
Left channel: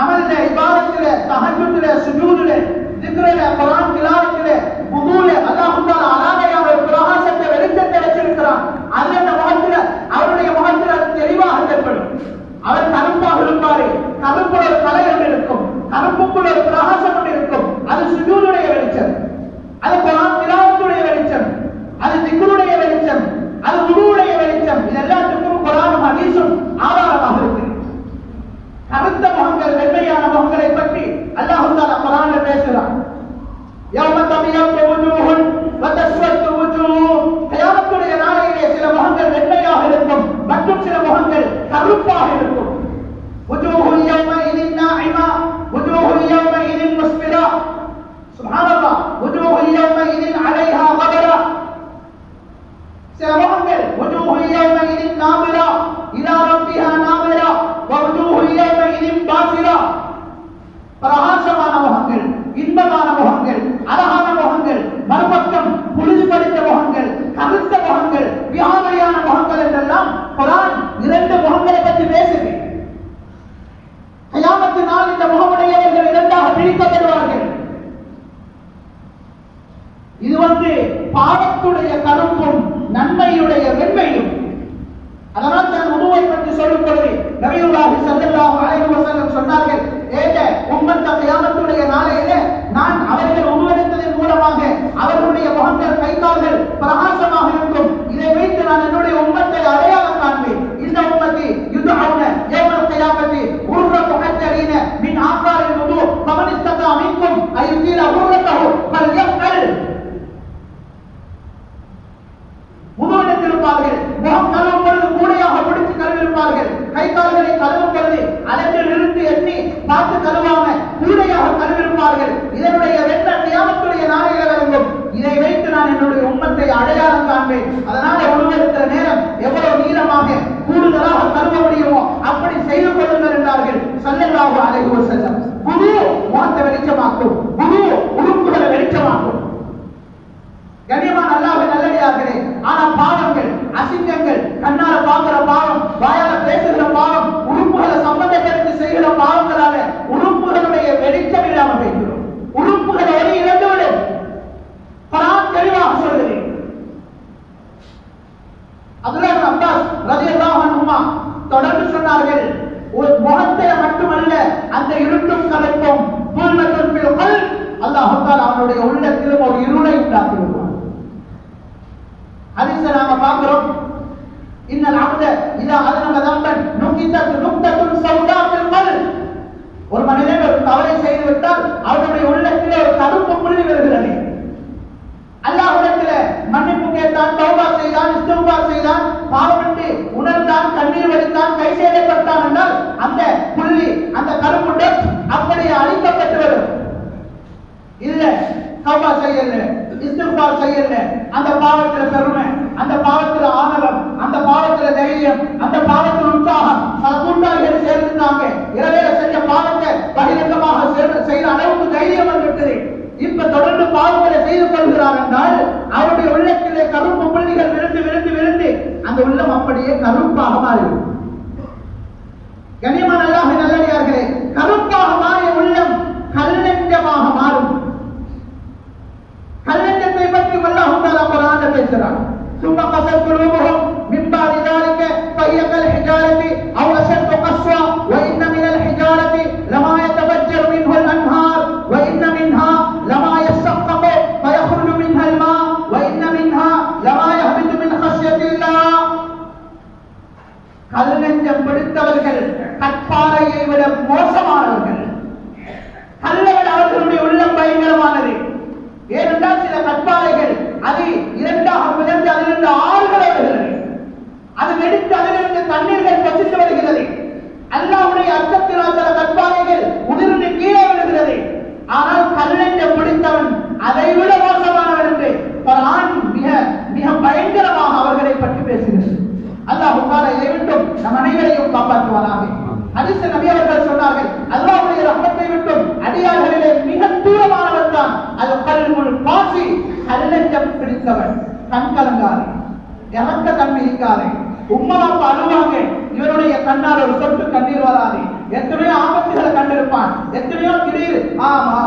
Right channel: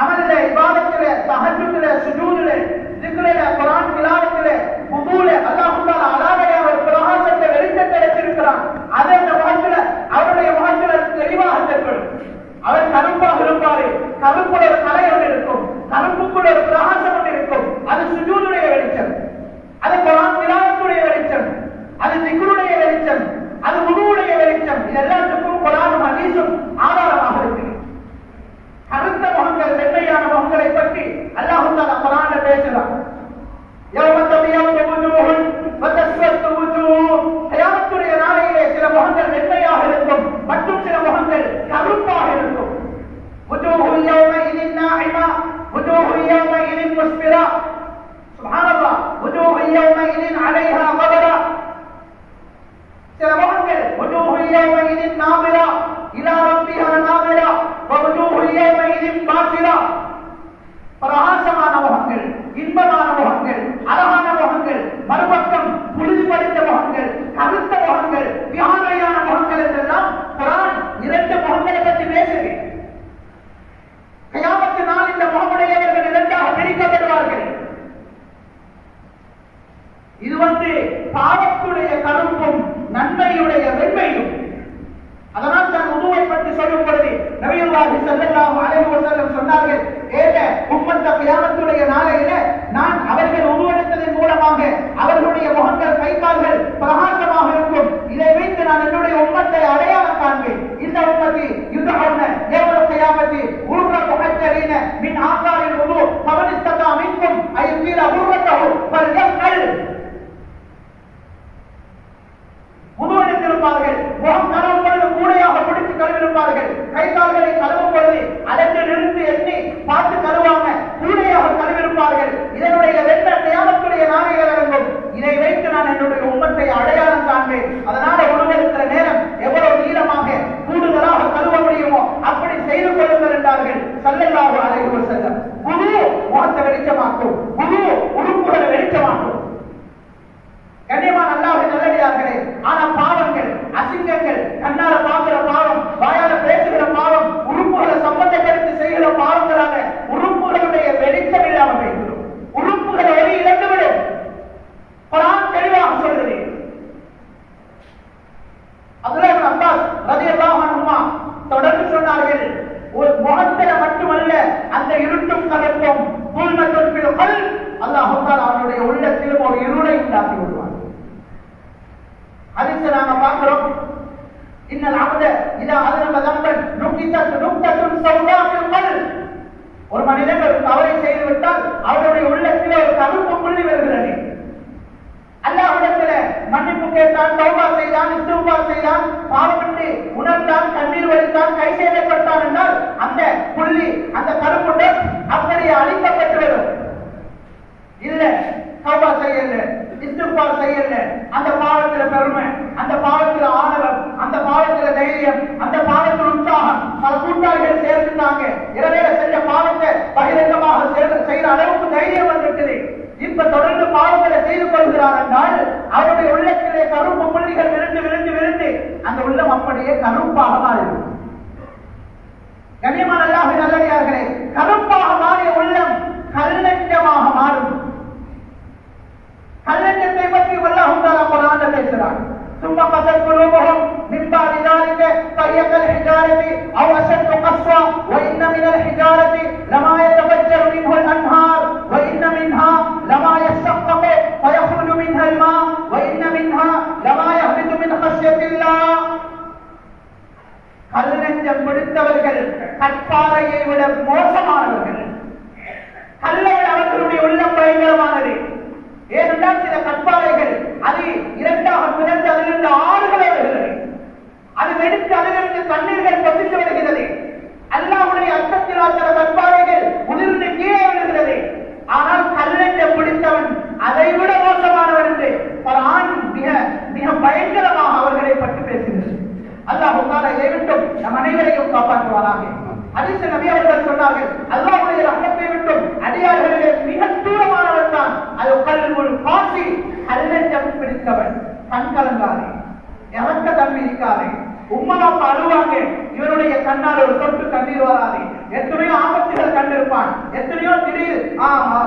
அமலிலே, இபாதத்திலே, தஹஜ்ஜுதிலே, சுஜூதிலே, திக்ரிலே, குர்ஆன் திலாவத்திலே, வுதுலே அல்லாஹ் தஆலா அலாதையா ஒரு பிரகாசத்தை வெளிச்சத்தை வச்சிருக்கிறான். அது அந்த முகத்திலே, அவருடைய முகத்திலே தெளிவாக தென்படும். அவர் கருப்பாக இருப்பாரு, கருப்புல ஒரு கலையம் இருக்கும், கருப்புக்குள்ள ஒரு பிரகாசம் இருக்கும். அது சுஜூதுடைய வெளிச்சம், அது குர்ஆன் திலாவத்துடைய வெளிச்சம், அது திக்ருடைய வெளிச்சம், அது வுதுவுடைய வெளிச்சம். இது எல்லாத்துக்கும் குர்ஆனும் ஹதீஸும் ஆதாரமாக இருக்கு. கருத்த முகங்கள், வெண்மையான முகங்களை பற்றி அல்லாஹ் தஆலா குர்ஆன்ல பேசுறான். யௌம தபியத்து வுஜூஹுன் வ தஸ்வத்து வுஜூஹ். கியாமத்துடைய நாளையிலே சில முகங்கள் வெண்மையாக இருக்கும், மற்றும் சில முகங்கள் கருப்பாக இருக்கும். வுஜூஹு யௌமஇதின் நாஇமா வுஜூஹு யௌமஇதின் முஸ்பிரா. சுப்ஹானல்லாஹ். வுஜூஹு யௌமஇதின் அலைஹா கபரா. சில முகங்கள் வுஜூஹு யௌமஇதின் நாபிரா இலா ரப்பிஹா நாபிரா வ வுஜூஹு யௌமஇதின் பாசிரா. பிரகாசமான முகங்கள், இன்பமான முகங்கள், அழகான முகங்கள், மறுபக்கம் புழுதிபடித்த முகங்கள், கருத்த முகங்கள், வியானையான முகங்கள் என்றெல்லாம் குர்ஆன் இரண்டு முகங்களை பற்றி பேசுது. கியாமத்து நாள் இந்த முகமுடையவர்கள் இரண்டாக பிரிக்கப்படுவார்கள். இது பாவத்துடைய கருப்பும் நன்மையுடைய வெண்மையும். அதனால் தான் உதுவை பற்றி சொல்லும் பொழுது நபியுல்லாஹி ஸல்லல்லாஹு அலைஹி வஸல்லம் சொன்னார்கள், ஏக உம்மத்த கியாமத்துடைய நாளையிலே நான் அவர்கள் உதுவெடுத்ததை செய்துவிட்டால் அவருடைய உள்ளத்தில் ஒரு கருப்பு புள்ளி வருகிறது. அல்லாஹ்விடத்தில் மன்னிப்பு கேட்டான், தௌபா செய்தான், இஸ்திக்பார் செய்தான், பாவத்தை உணர்ந்தான், கண்ணீர் வடித்தான், கை செய்யப்பட்டான் என்றால் அந்த புள்ளி, அந்த கருப்பு டாட் அப்படியே அழிக்கப்பட்டு வரும். இல்ல, தௌபா செய்யல, இஸ்திக்பார் செய்யல, அந்த பாவத்தில் பெருமை, அந்த பாவத்தில் ஆணவம், அந்த பாவத்தில் தைரியம், அந்த பாவத்தில் உற்சாகம், கூட்டாளிகள் சேர்ந்துட்டாங்க, இரவேல செஞ்ச பாவத்தை பகிரங்கமாக செய்த அளவுக்கு தைரியம் வந்துவிட்டது. இப்ப தொடர்ந்து பாவங்களை செய்து கொள்கிறார் என்றால் அவருடைய உள்ளத்திலே கருப்பு புள்ளிகள் விழுந்து விழுந்து விழுந்து அந்த உள்ளம் அப்படியே கருப்பாக மாறும். கண்ணியமான அல்லாஹ்வின் நல்லடியார்களே, கருப்பாக மாறிய உள்ளம் கல்லஞ்சமாக மாறும். கல்லஞ்சத்தை பற்றி அல்லாஹ் தஆலா குர்ஆனில் பேசுகிறார். ثم قست قلوبهم من بعد ذلك فهي كالحجارة أو أشد قسوة وإن من الحجارة لما يتفجر منه الأنهار وإن منها لما يشقق فيخرج منها الماء وإن منها لما يهبط من خشية الله. கல்லஞ்சம் பிடித்தவர்கள் கற்பாறையை விட மோசமானவர்கள். கல்லை விட அவர்களுடைய உள்ளம் பயங்கரமானது. ஏனென்றால் சில கற்பாறைகள் அது இரண்டாக பிளந்து அதிலிருந்து ஆறுகள் வருகிறது. அது வெடித்து அதிலிருந்து தண்ணீர்கள் பசித்து வருகிறது. அல்லாஹ்வுடைய அச்சத்தினால் சில கற்பாறைகள் உதிர்ந்து கீழே விழுகிறது. ஆனால் கல்லஞ்சம் பிடித்தவன் அதை விட மோசமானவன் என்று குர்ஆன் மிக மிக பயங்கரமாக அவர்களை பற்றி பேசுகிறது. அல்லாஹ் தஆலா இதைவிட்டும் நம் அனைவரையும் காப்பாற்றுவாராக. ஹதீஸ் நபி அவர்கள் சொன்னார்கள், அல்லாஹ்வுடைய ரஹ்மத்தை விட்டும் அடியார்களிலே மிக தூரமானவன் தான் அது கல்புல் பாசி, கல்லஞ்சம் பிடித்தவன். கண் கலங்காதே, இறக்க தன்மை இருக்காதே, உம்மனா அழுவாங்க, இவருடைய கண்ணால் ஒரு சொட்டு கண்ணீர் வராது. எத்தனையோ ஆபத்துகளை கண்டிருப்பான், எத்தனையோ திடீர்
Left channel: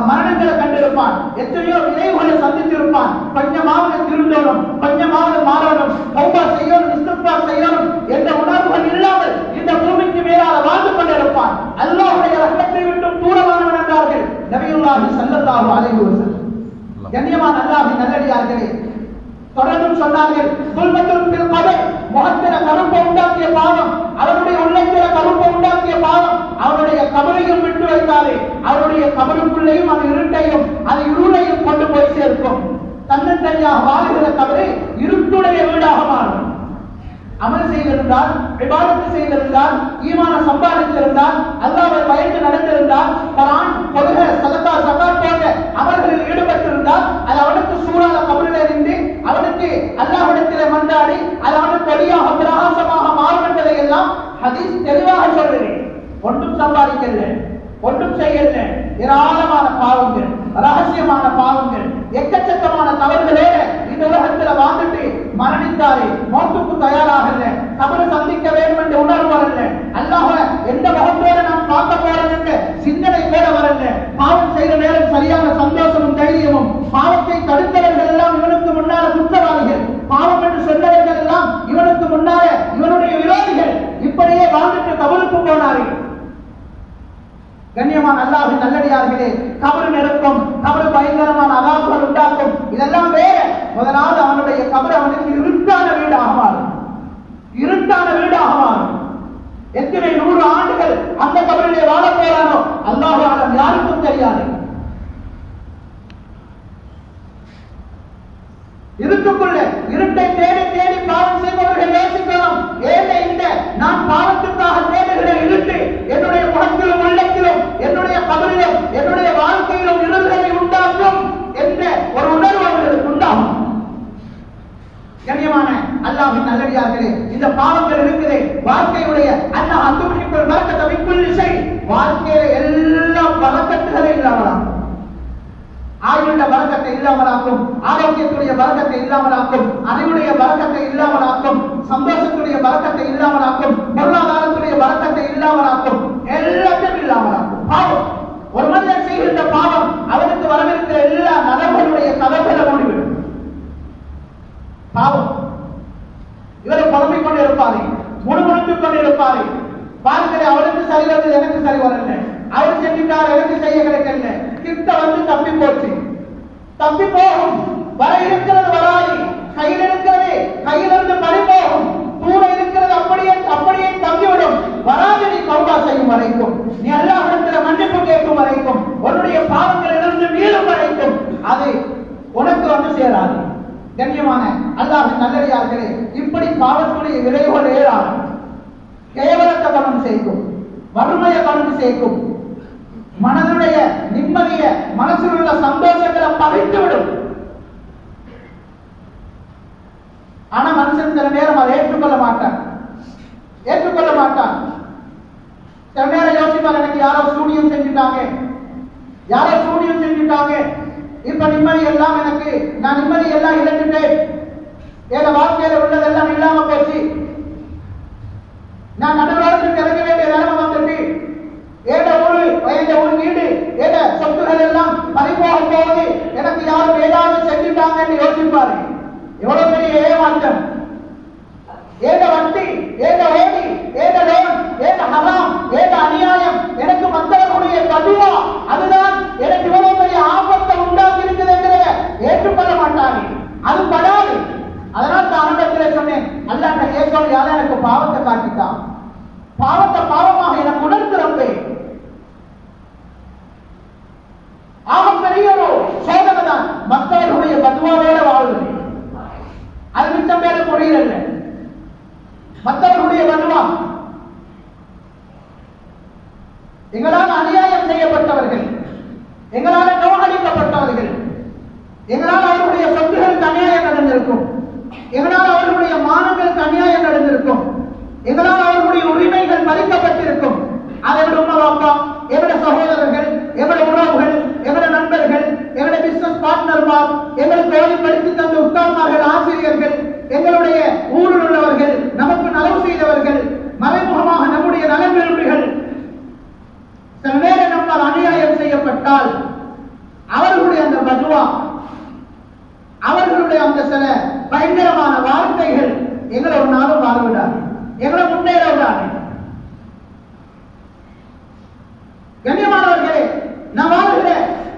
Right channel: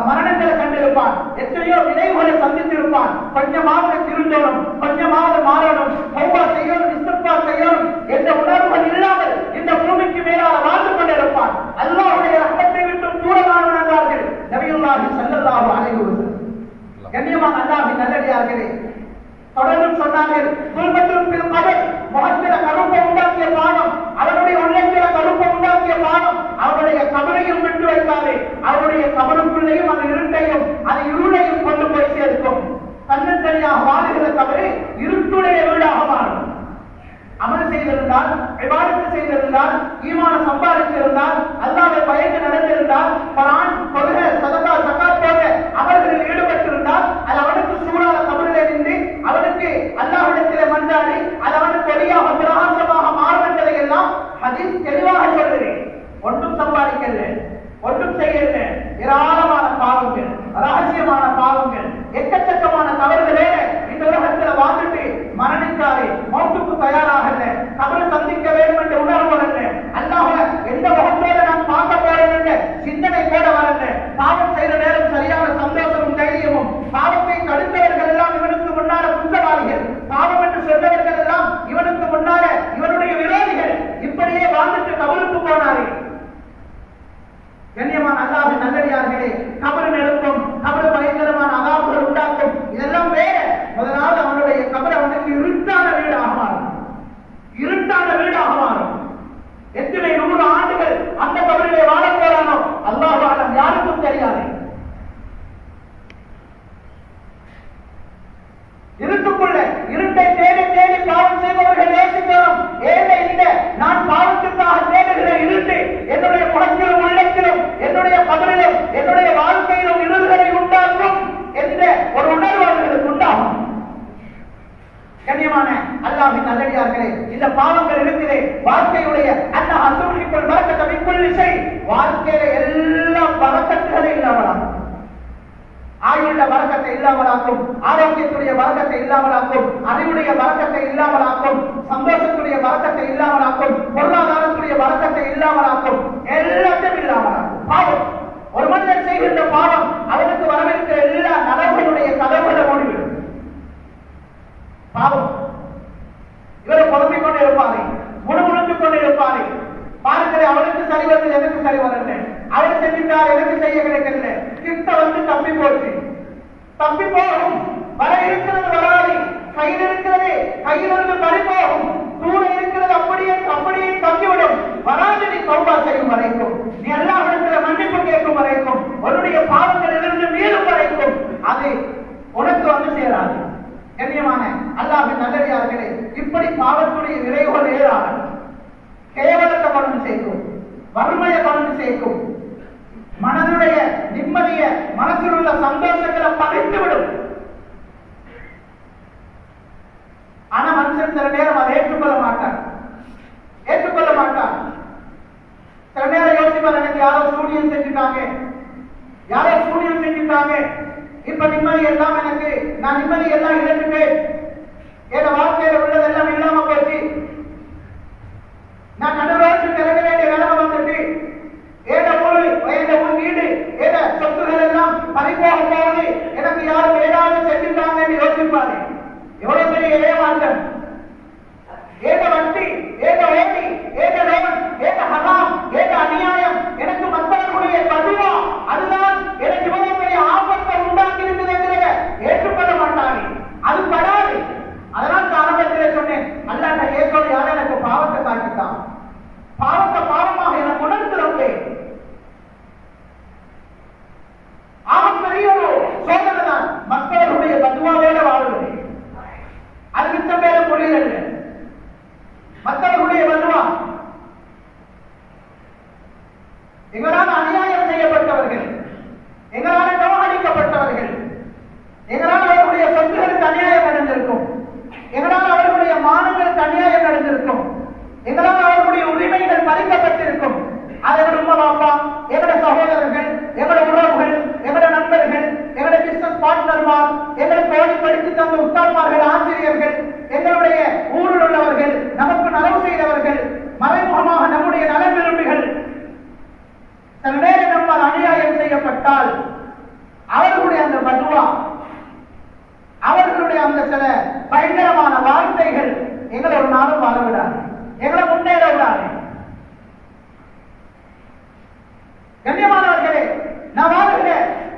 மரணங்களை கண்டிருப்பான், எத்தனையோ விளைவுகளை சந்தித்திருப்பான். கொஞ்சமாக திருந்தோடும், கொஞ்சமாக மாறணும், தௌபா செய்யணும், இஸ்திக்பார் செய்யணும் என்ற உணர்வுகள் இல்லாமல் இந்த பூமிக்கு மேலாக வாழ்ந்து கொண்டிருப்பான். அல்லாஹ்வுடைய ரஹ்மத்தை விட்டு தூரமானவன் என்றார்கள் நபியுல்லாஹி ஸல்லல்லாஹு அலைஹி வஸல்லம். கண்ணியமான அல்லாஹ்வின் நல்லடியார்களே, தொடர்ந்து சொன்னார்கள், குல்பத்துல் ஃபில் கபர், முகத்தில கருப்பை உண்டாக்கிய பாவம், அவருடைய உள்ளத்தில கருப்பை உண்டாக்கிய பாவம் அவருடைய கபரையும் விட்டு வைத்தாலே அவருடைய கபருக்குள்ளேயும் அந்த இருட்டையும் அந்த இருளையும் கொண்டு போய் சேர்க்கும். தன்னந்தனியாக வாழுகிற கபரை இருட்டுடைய வீடாக மாறும். அமல் செய்திருந்தால், இபாதத்து செய்திருந்தால், ஈமான சம்பாதித்திருந்தால், அல்லாஹ்வை பயந்து நடந்திருந்தால், குர்ஆன், தொழுகை, சதகா, ஜகாத் போன்ற அமல்களில் ஈடுபட்டிருந்தால் அது அவனுக்கு சூழல கபரிலே இருந்து அவனுக்கு அல்லாஹ்விடத்திலே மன்றாடி அது அவனுக்கு ஒளியாக பிரகாசமாக மாறும் என்பதை எல்லாம் ஹதீஸ் தெளிவாக சொல்கிறது. ஒன்றும் சம்பாதிக்கல, ஒன்றும் செய்யல, ஏராளமான பாவங்கள், ரகசியமான பாவங்கள், எக்கச்சக்கமான தவறுகளோடு இந்த உலகத்தில் வாழ்ந்துட்டு மரணித்தாரே, மௌத்துக்கு தயாராகல, கபரை சந்திக்க வேண்டும் என்ற உணர்வு வரல, அல்லாஹ் எந்த முகத்தோடு நாம் பார்க்க போறோம் என்ற சிந்தனை கூட வரல. பாவம் செய்த நேரம் சரியான சந்தோஷமும் தைரியமும், பாவத்தை தடுத்தவர்கள் எல்லாம் இவனுக்கு முன்னால குற்றவாளிகள், பாவம் என்று சொன்னவர்கள் எல்லாம் இவனுக்கு முன்னால இவனுடைய விரோதிகள். இப்படியே வாழ்ந்துட்டு கபருக்கு போனாரே. கண்ணியமான அல்லாஹ்வின் நல்லடியார்களே, கபர் நெருக்கம், கபர் பயங்கரமான அதாபுகள் உண்டாக்கும். இதெல்லாம் வேற. முதலாவது அவனுடைய கபர் அவனுக்கு இருட்டான வீடாக மாறும், இருட்டான வீடாக மாறும். எத்தனை 100 ஆண்டுகள் அந்த கபரிலே வாழ போறானோ அல்லாஹ் ஆலம், யாருக்கும் தெரியாது. இருட்டுக்குள்ள இருட்டை தேடி தேடி பாவம் செய்பவர்கள் யோசிக்கிறோம், ஏன் இந்த நான் பாவத்துக்காக தேடுகிற இருட்டு என்னுடைய முகத்திலும் உள்ளத்திலும் என்னுடைய கபரிலும் என்னுடைய வாழ்க்கையிலும் இருள்களை உண்டாக்கும் என்ற ஒரு உணர்வு அவர்களுக்கு உண்டாகும். கண்ணியமான அல்லாஹ்வின் நல்லடியார்களே, இந்த பாவங்கள் இருக்கிறே வாழ்க்கையுடைய அல்லாஹ் அத்துமிக்குள் பரக்கத்தை மிக்குள் இசை, வாழ்க்கையில எல்லா பரக்கத்துகளை இல்லாமலாம், ஆயுள்ள பரக்கத்தை இல்லாமலாக்கும், ஆரோக்கியத்துடைய பரக்கத்தை இல்லாமலாக்கும், அறிவுடைய பரக்கத்தை இல்லாமலாக்கும், சந்தோஷத்துடைய பரக்கத்தை இல்லாமலாக்கும், பொருளாதாரத்துடைய பரக்கத்தை இல்லாமலாக்கும், எல்லாத்தையும் இல்லாமலாக்கும். பாவம், ஒரு மனிதன் செய்கின்ற பாவம் அவனுக்கு வரவிருக்கிற எல்லா நலவுகளுடைய கதவுகளை மூடிவிடும். பாவம், இவர் புலம்பிக் கொண்டு இருப்பாரு, முணுமுணுத்துக் கொண்டு இருப்பாரு. பாருங்கள், அவனுக்கு சரி வந்தது, எனக்கு சரி வரல, அவர் செஞ்சுட்டார், எனக்கு செய்ய கிடைக்கல, கிட்ட வந்து தப்பி போச்சு, தப்பி போகும். வர இருக்கிறது வராது, கையில் இருக்கிறது கையிலிருந்து பறி போகும், தூர இருக்கிறது அப்படியே அப்படியே தங்கிவிடும். வராது நீ தௌபா செய்யும் வரைக்கும், நீ அல்லாஹ்விடத்தில் மன்னிப்பு கேட்கும் வரைக்கும், உன்னுடைய அது உனக்கு வந்து சேராது. கண்ணியமான அல்லாஹ்வின் நல்லடியார்களே, இப்படி பாவத்துடைய விளைவுகள் ஏராளம். கேவலத்தை கொண்டு சேர்க்கும், வறுமையை கொண்டு சேர்க்கும், மனதுடைய நிம்மதிய, மனசில் உள்ள சந்தோஷங்களை பறித்துவிடும். ஆனா மனுஷன் சில நேரம் அதை ஏற்றுக்கொள்ள மாட்டான். சில நேரம் யோசிப்பார், எனக்கு யாரோ சூனியம் செஞ்சுட்டாங்க, இப்ப நிம்மதி எல்லாம் எனக்கு, நான் நிம்மதி எல்லாம் இழந்துட்டேன், என் வாழ்க்கையில உள்ளதெல்லாம் இல்லாம போச்சு, நான் நடுவருக்கு கிடைக்க வேண்டிய நிலைமை வந்துட்டு, ஊர் வீடு சொத்துகள் எல்லாம் பறிபோக போகுது, எனக்கு யாரும் ஏதாவது செஞ்சுட்டாங்கன்னு யோசிப்பாரு. எவ்வளவு பெரிய ஏமாற்றம், வட்டி, ஓடி, லோன், ஹராம், அநியாயம், எனக்கு மற்றவர்களுடைய பதிவா, அதுதான் எனக்கு இவ்வளவு பெரிய ஆபத்தை உண்டாக்கி இருக்குது என்று ஏற்றுக்கொள்ள மாட்டாங்க. அது படாது. அதனால் தான் சொன்னேன், அல்லாஹ் ஏற்கனவே யாரும் எனக்கு பாவத்தை காட்டித்தான், பாவத்தை பாவமாக எனக்கு உணர்த்துறப்பே ஆகப்பெரிய ஒரு சோதனை தான் மற்றவர்களுடைய பதுவாவோட வாழ்வது. அது மிச்சம் பேர புரியல. மற்றவர்களுடைய பதுவா, எங்களால் அநியாயம் செய்யப்பட்டவர்கள், எங்களால் நோகடிக்கப்பட்டவர்கள், எங்களால் அவர்களுடைய சொத்துகளுக்கு அநியாயம் நடந்திருக்கும், எங்களால் அவர்களுடைய மானங்களுக்கு அநியாயம் நடந்திருக்கும், எங்களால் அவர்களுடைய உரிமைகள் பறிக்கப்பட்டிருக்கும். அதை விட உமா அப்பா, எங்களுடைய சகோதரர்கள், எங்களுடைய உறவுகள், எங்களுடைய நண்பர்கள், எங்களுடைய பிசினஸ் பார்ட்னர்மார், எங்களுக்கு ஓடிப்படுத்தி தந்த உஸ்தாத்மார்கள், ஆசிரியர்கள், எங்களுடைய ஊரில் உள்ளவர்கள், நமக்கு நலவு செய்தவர்கள், மறைமுகமாக நம்முடைய நல விரும்பிகள், சில நேரம் நம்மால் அநியாயம் செய்யப்பட்டால் அவர்களுடைய அந்த பதுவா, அவர்களுடைய அந்த சில பயங்கரமான வார்த்தைகள் எங்களை ஒரு நாளும் வாழ விடாது, எங்களை முன்னேற விடாது. கண்ணியமானவர்களே, நான் வாழ்கிற